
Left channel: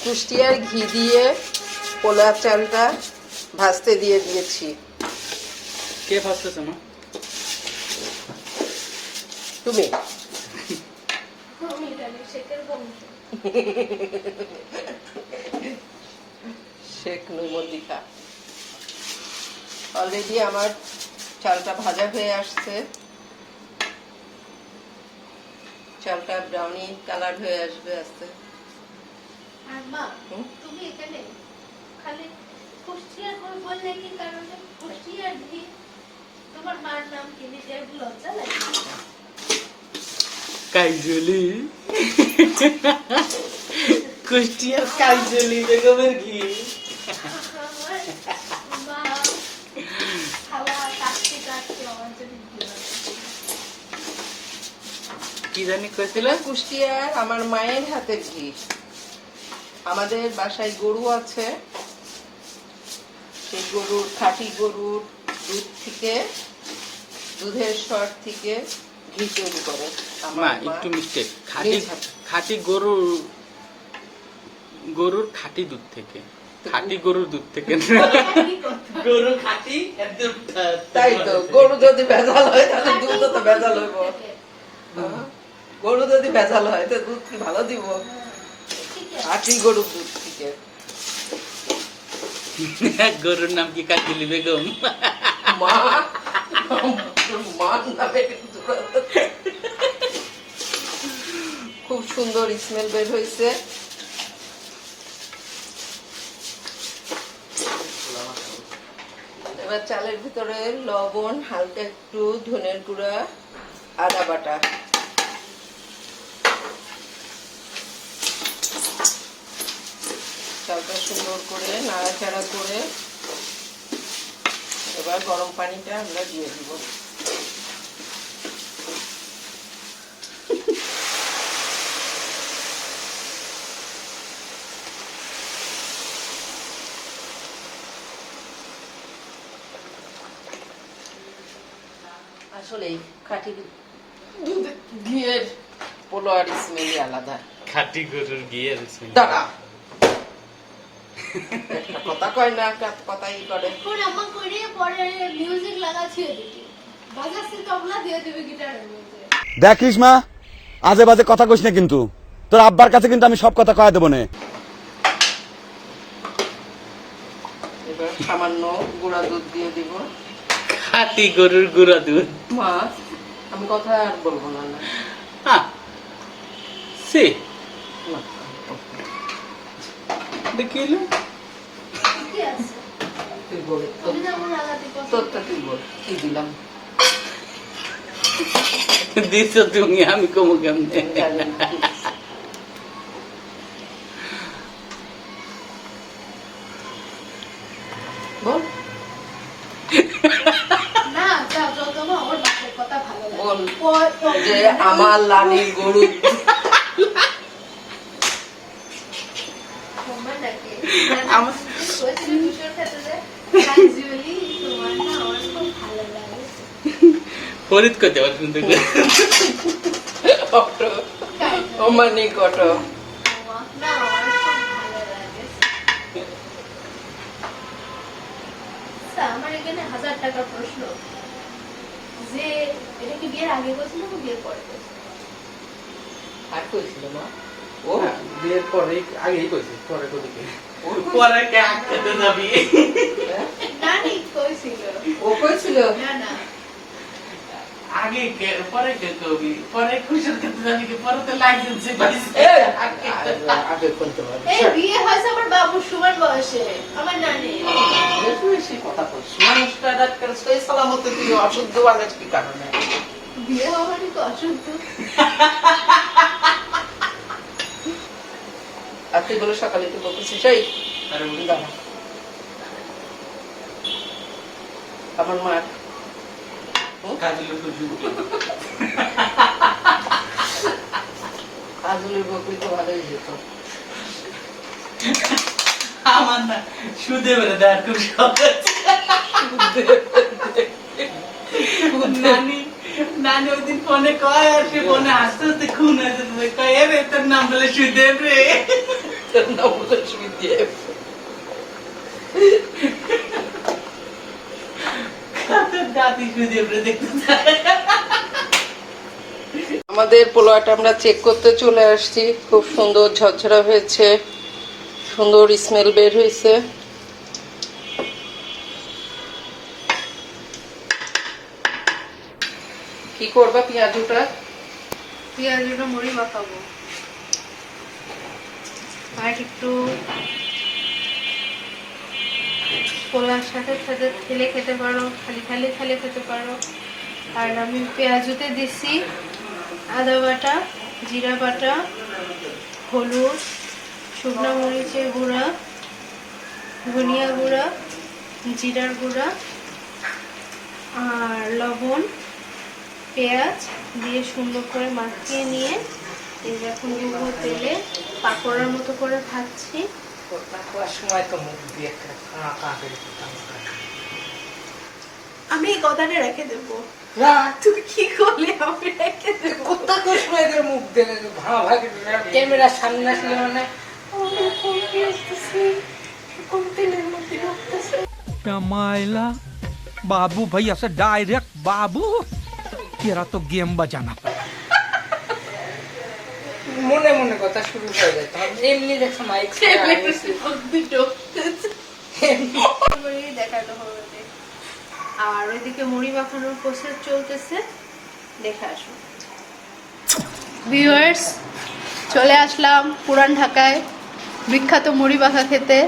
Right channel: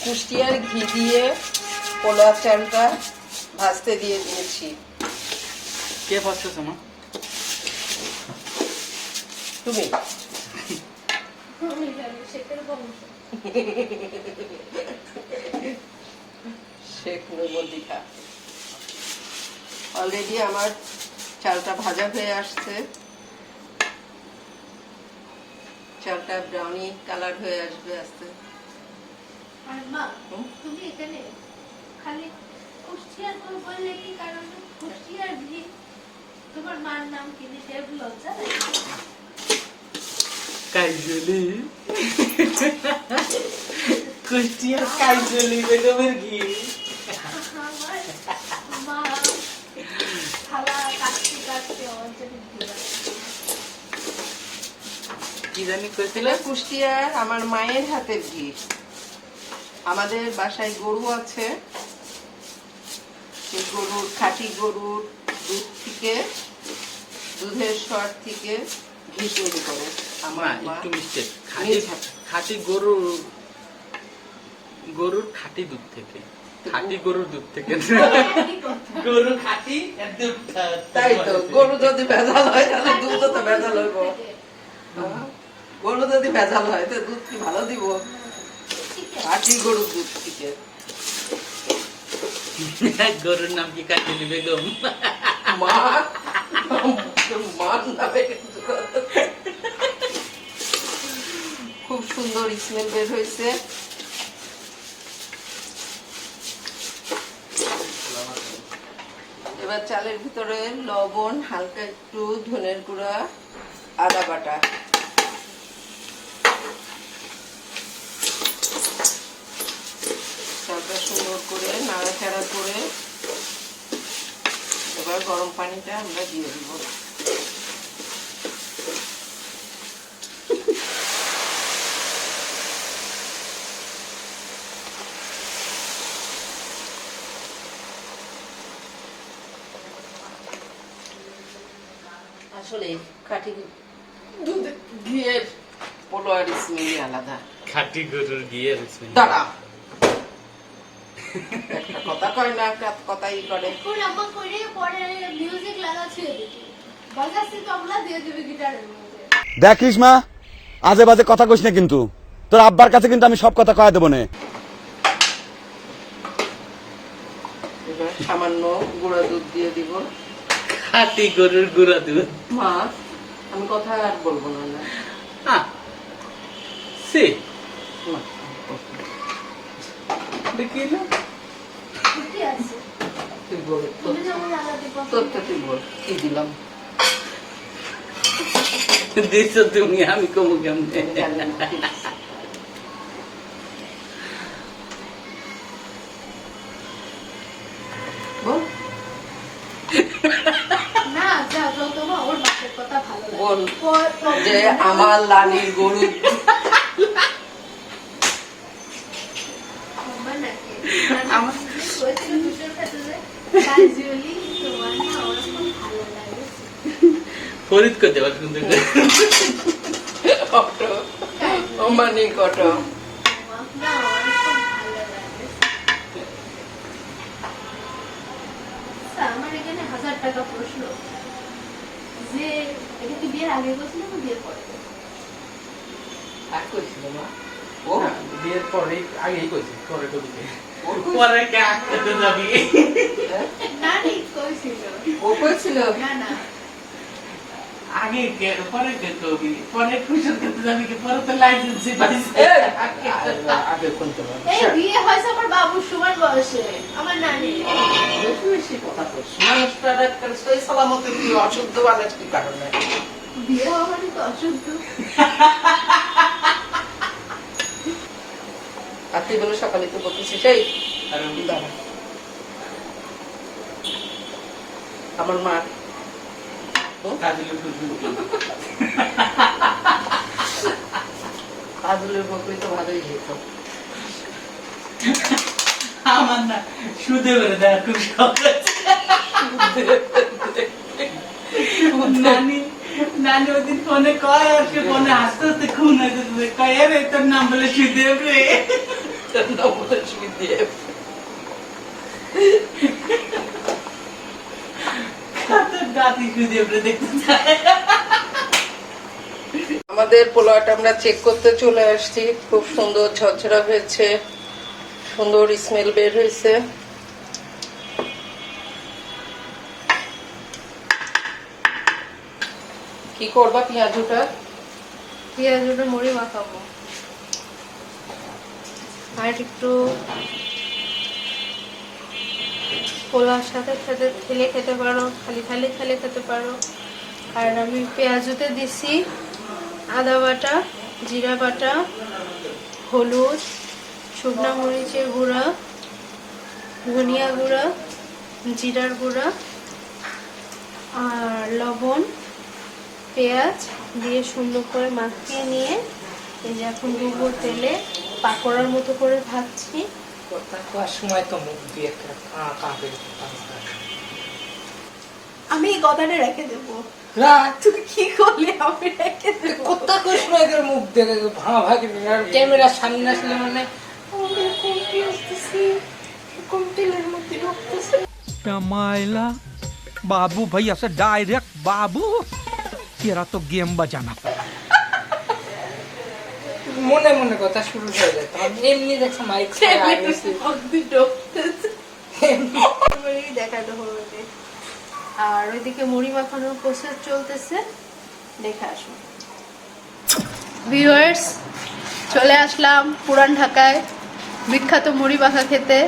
কুষ্টিয়ার ঘি দিয়ে পোলা চালটা ভাজতে দিয়ে দিয়েছি। কে ভাবতেছ মা? তুমি শেখ নুরমদিকা। অলরেডি আমার চালটা ভাজা হয়ে আসছে, চালটা ব্রাউনি কালার হয়ে আসবে আস্তে। আর মা তুমি এখানে খালি কুষ্টিয়ার করে বললে কি, কারণ কুষ্টিয়ার ঘি, তোমার মার নাম কি দিতে লজ্জা লাগে? কাইজলি কুষ্টিয়ার কাইজলি বেগমের ঘি। মা খালা কাটতে কাটতে অঞ্জলি দিল। কি জানি কইছিল? কুষ্টিয়ার আমার মায়ের হাতের ঘি। আমাদের বাসায় গরু আছে, সেই গরুর খাঁটি গরুর দুধ থেকে, দুধের সর থেকে ঘি তৈরি করে মা আমার মা। একটু মিস্টেক। নিজ হাতে। খাঁটি গরুর খাঁটি দুধ থেকে, খাঁটি গরুর দুধ থেকে। গরু খাঁটি এর দুধটা। তাই তো, গরু যদি ভেজাল হয় তাহলে দুধও তো ভেজাল হইব। গরু যদি ভেজাল হয় তো দুধ কি ভালো দিব? খাঁটি গরুর দুধ থেকে। গরুর নাম কি কাইজলি বেগম? মা মার নামে কিছু করে। খুব সুন্দর স্মেল বের হয়েছে। এবার চালের ভিতরে লবণ, হালকা একটু ধনের গুঁড়া, আদা বাটা, চালটা সুন্দর করে নাড়াচাড়া করে এবার গরম পানিটা আমরা দিয়ে দিব। আসলে খাঁটি দুধ ঘিয়ের পোলোয়ার স্মেলই আলাদা। খাঁটি গরুর ঘিয়ের দাঁড়া, একটা কথা কয় না, একটা কথাই করে। কোন আম্মা করে পরে মিউজিক লাগাচ্ছে এদিকে বাজাচ্ছে তবলা দিয়ে দেবে গিটারের মধ্যে। দেখিস মা, আজে বাজে কথা কইস না কিন্তু, তোর আব্বার কাছে কিন্তু আমি সব কথা কয়ে দেবো না। এবার সামান্য গুঁড়া দুধ দিয়ে দিব। খাঁটি গরুর গুঁড়া দুধ। মা, আমি কথা আর বলবো না। সে না। দেখিল কি আছে তুই বল, তুমি যেমন লাগাতে পছন্দ তোরটা তুই বল, কি দিলাম দিছো তুমি, আমি কমু কেমনে? জানি না। বল না যা যত আমার বাপের কথা ভালো বল লাগে যে আমার লালির গরু আমার নাকি আমার হয়েছিল কিশোর ক্ষেত্রে ক্যাজুয়ালি তোমার না আমার খুব ভালো লাগে ফরিদ করতে পারছ কিন্তু অটো অমানিক অটো। না আমার খুব ভালো লাগে আমার এখানে 1000 টাকা প্রশ্ন যে এটা কি বিয়ের আগে বলছিল না বিয়ের পরে? আর কইছিল মা? ও বিয়ের পরে আগেই কইছি, পরে কইছি পরে কে আটকাতে যাবি? না নি কইছিল ও কইছিল না না আগে কে পরে কে কবি, পরে খুশির ক্ষেত্রে যাবি কি, পরে তো লাইসেন্স পাইছে। আগে কোন তো এই বিয়ে হয়েছে আমার বাবুর সময় বয়সে আমার নানি বেশি কথা কইছ। মানুষটা একটা সই সালামতে তুই অশুদ্ধ বানের কি কারণে? বিয়ে হওয়ারই তো অশুদ্ধ আর তুই বলে সকালে তুই বলতেছিস সেই আরে দাঁড়া আমার মা কাজে বুঝি আজলে বলবি তো ভালোই যেত। আমার না সুদে বেড়ে দেওয়ার খুব শখ আছে। নানি নানি ওইদিন ফোনে কয়, আর সে ফোনে হাসতে হাসতে খুন আছে, কয় রে তোর নাম বলে সুদেব রে। তোর নাম বলে শুই দিয়ে তোর দাদি সুদেব রে দেখতে চায়। আমাদের পোলাওটা আমরা চেক করতে চলে আসছি। খুব সুন্দর ঝরঝরা হয়েছে, সুন্দর স্মেল বের হয়েছে। কি করবা পেঁয়াজটা? পেঁয়াজটা মুড়ি মাখাবো আর একটু পোলার সাথে সাথে ঠেলে খেতে পারো, খালি খালি ঠেলে খেতে পারো। আর আমি পেঁয়াজতে দিছি আদা বাটা, জিরা বাটা, হলুদ, শুকনো মরিচের গুঁড়া, ধনিয়া গুঁড়া, জিরার গুঁড়া আর লবণ, পেঁয়াজ দিয়ে সুন্দর করে মাখিয়ে নিয়ে এই যে এখন দিব তেলে, পাকোড়ার মতো করে ভাজছি। সময় তো মুখ দিয়ে আমি এই কথাটা রেখে দেবো। তুই কি করলি? আমি রেখে দেবো। মুখ দেখে ক্যামেরার সামনে আসলে মানে আমাদের কমতে আসতেছে, কম তেলের মধ্যে ঢুকতেছে। मायला बाबू भाई ऐसा डायरेक्ट बाबू तेरा तो गेम बजाना पड़ा। মনে মনে কথা শুরু হয়ে যায়। এমনি দেখছো মাইক দেখাতে হবে। আর ওইদিকে মুড়ি মাখানোর প্রসেস চলতেছে, দেখে আসুন। ভিউয়ার্স, চলে আসলাম পুরান ঢাকায় বিখ্যাত মুড়ি মাখা খেতে।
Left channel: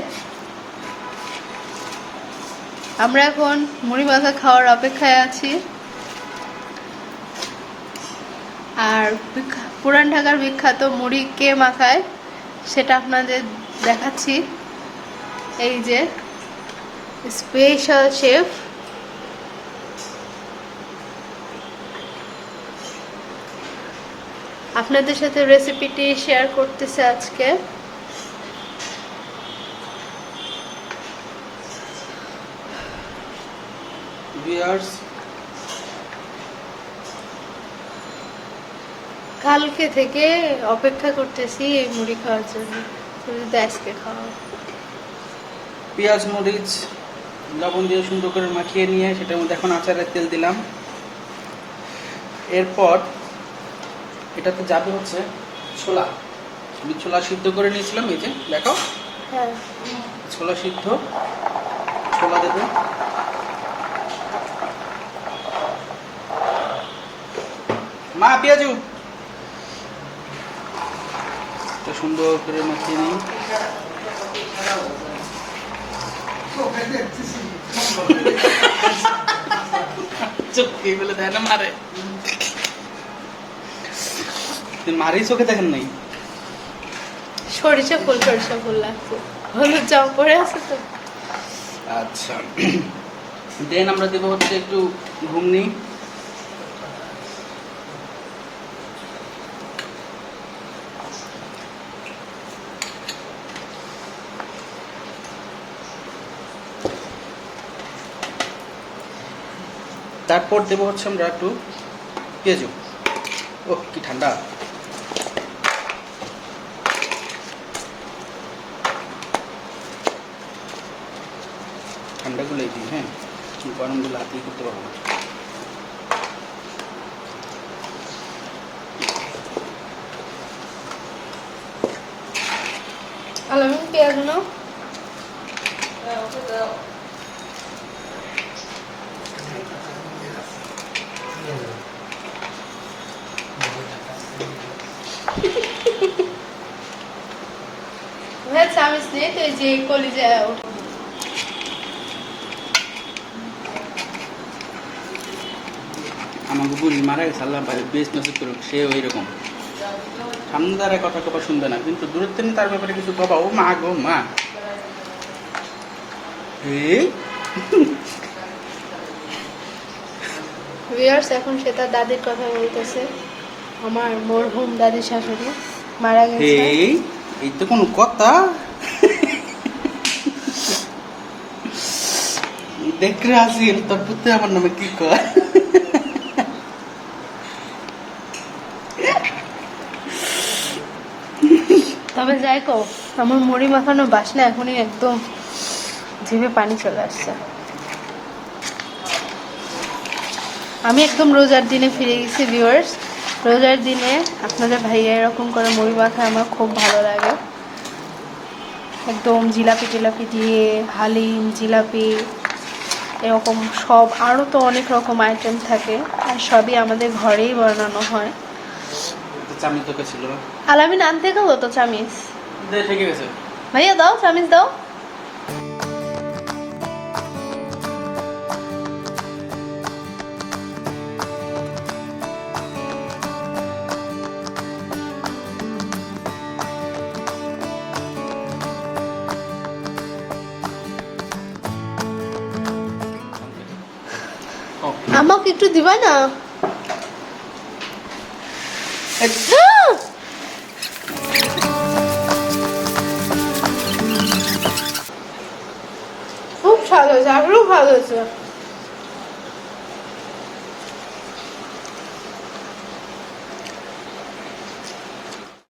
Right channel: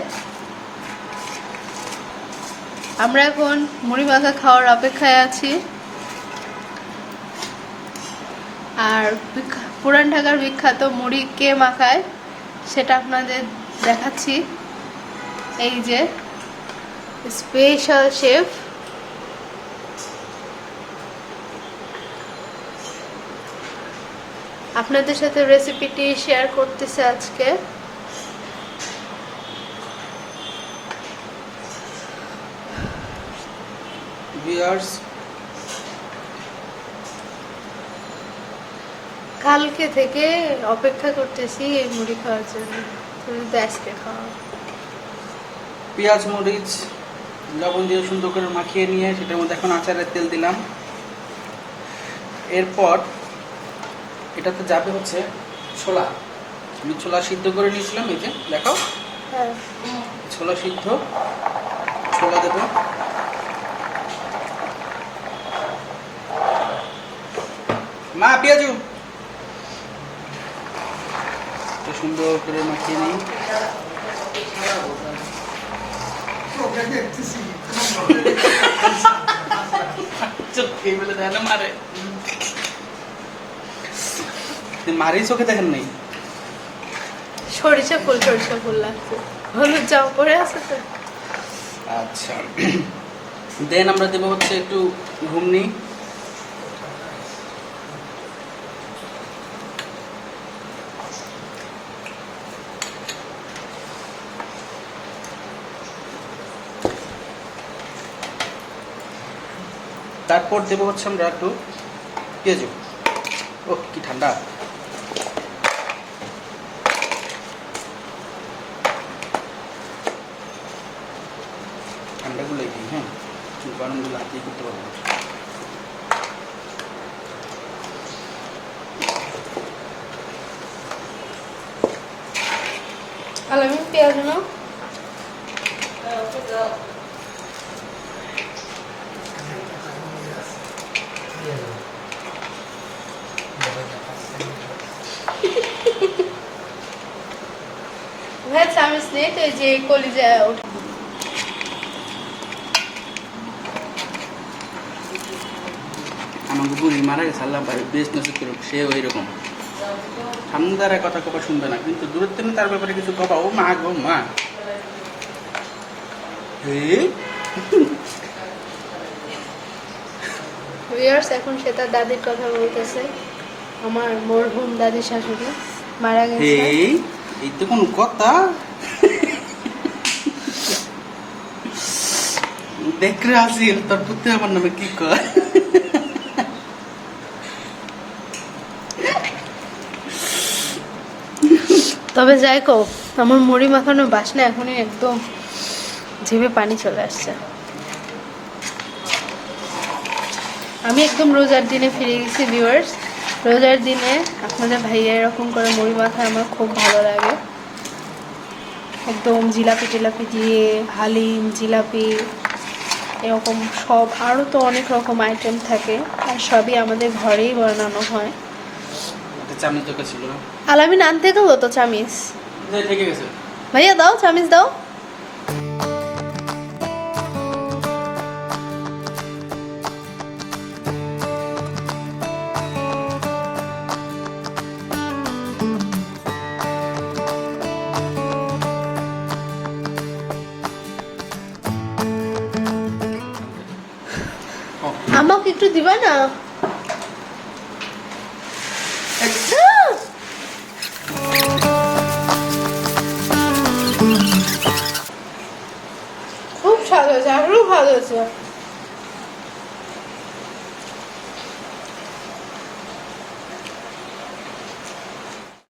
আমরা এখন মুড়ি মাখা খাওয়ার অপেক্ষায় আছি। আর পুরান ঢাকার বিখ্যাত মুড়ি কে মাখায় সেটা আপনাদের দেখাচ্ছি। এই যে স্পেশাল শেফ, আপনাদের সাথে রেসিপিটি শেয়ার করতেছে আজকে। ভিউয়ার্স, কালকে থেকে অপেক্ষা করতেছি এই মুড়ি খাওয়ার জন্য, তুমি তো আজকে খাওয়া। পেঁয়াজ মরিচ লবণ দিয়ে সুন্দর করে মাখিয়ে নিয়ে সেটার মধ্যে এখন আচারের তেল দিলাম। এরপর এটাতে যাবে হচ্ছে ছোলা। আমি ছোলা সিদ্ধ করে নিয়েছিলাম, এই যে দেখো হ্যাঁ, ছোলা সিদ্ধ, ছোলা দেবো। মা পেঁয়াজু সুন্দর করে মাখিয়ে নিই। চোখে বলে দেয় না মারে, মারি চোখে দেখেন নাই। সরিষা ফুল লাগছে, হলুদ জামা পরে আছে তো। আচ্ছা, দেন আমরা দেবো হচ্ছে একটু ঘুমনি। তারপর দেবো হচ্ছে আমরা একটু পেঁয়াজু। ও কি ঠান্ডা! ঠান্ডাগুলো একটু, হ্যাঁ, গরম গুলো হাতেই করতে পারবো না। আলামিন পেঁয়াজ নাও। ভাই চামিচ নেই তো, এই যে কলিজা ওঠে। আমাকে বুড়ি মারা গেছে, আল্লাহ বেশ নসিব করুক, সে ওই রকম ঠান্ডার কথা কবা শুনবে না, কিন্তু দূরের থেকে তার ব্যাপারে কিছু কবা, ও মা গো মা। ভিউয়ার্স, এখন সে তার দাদির কথা বলতেছে। আমার মরহুম দাদি শাশুড়ি মারা গেছে। এই তো কোনো কথা! দেখরে আসিল তোর পুত্র আমার নামে কি কয়। তবে যাই কো, আমার মুড়ি মাখানো বাসনা এখনই একদম জিভে পানি চলে আসছে। আমি একদম রোজার দিনে ফিরে গেছি ভিউয়ার্স। রোজার দিনে আপনাদের ভাইয়া এরকম করে মুড়ি মাখায় আমার খুব ভালো লাগে। একদম জিলাপি টিলাপি দিয়ে, হালিম, জিলাপি, এরকম সব আরও তো অনেক রকম আইটেম থাকে, আর সবই আমাদের ঘরেই বানানো হয়। চামচ দরকার ছিল। আলামিন আনতে গেল তো চামিচ। লেগে গেছে। ভাইয়া দাও চামিচ দাও। আমাকে একটু দিবা না? খুব স্বাদ হয়েছে, আরো ভালো হয়েছে।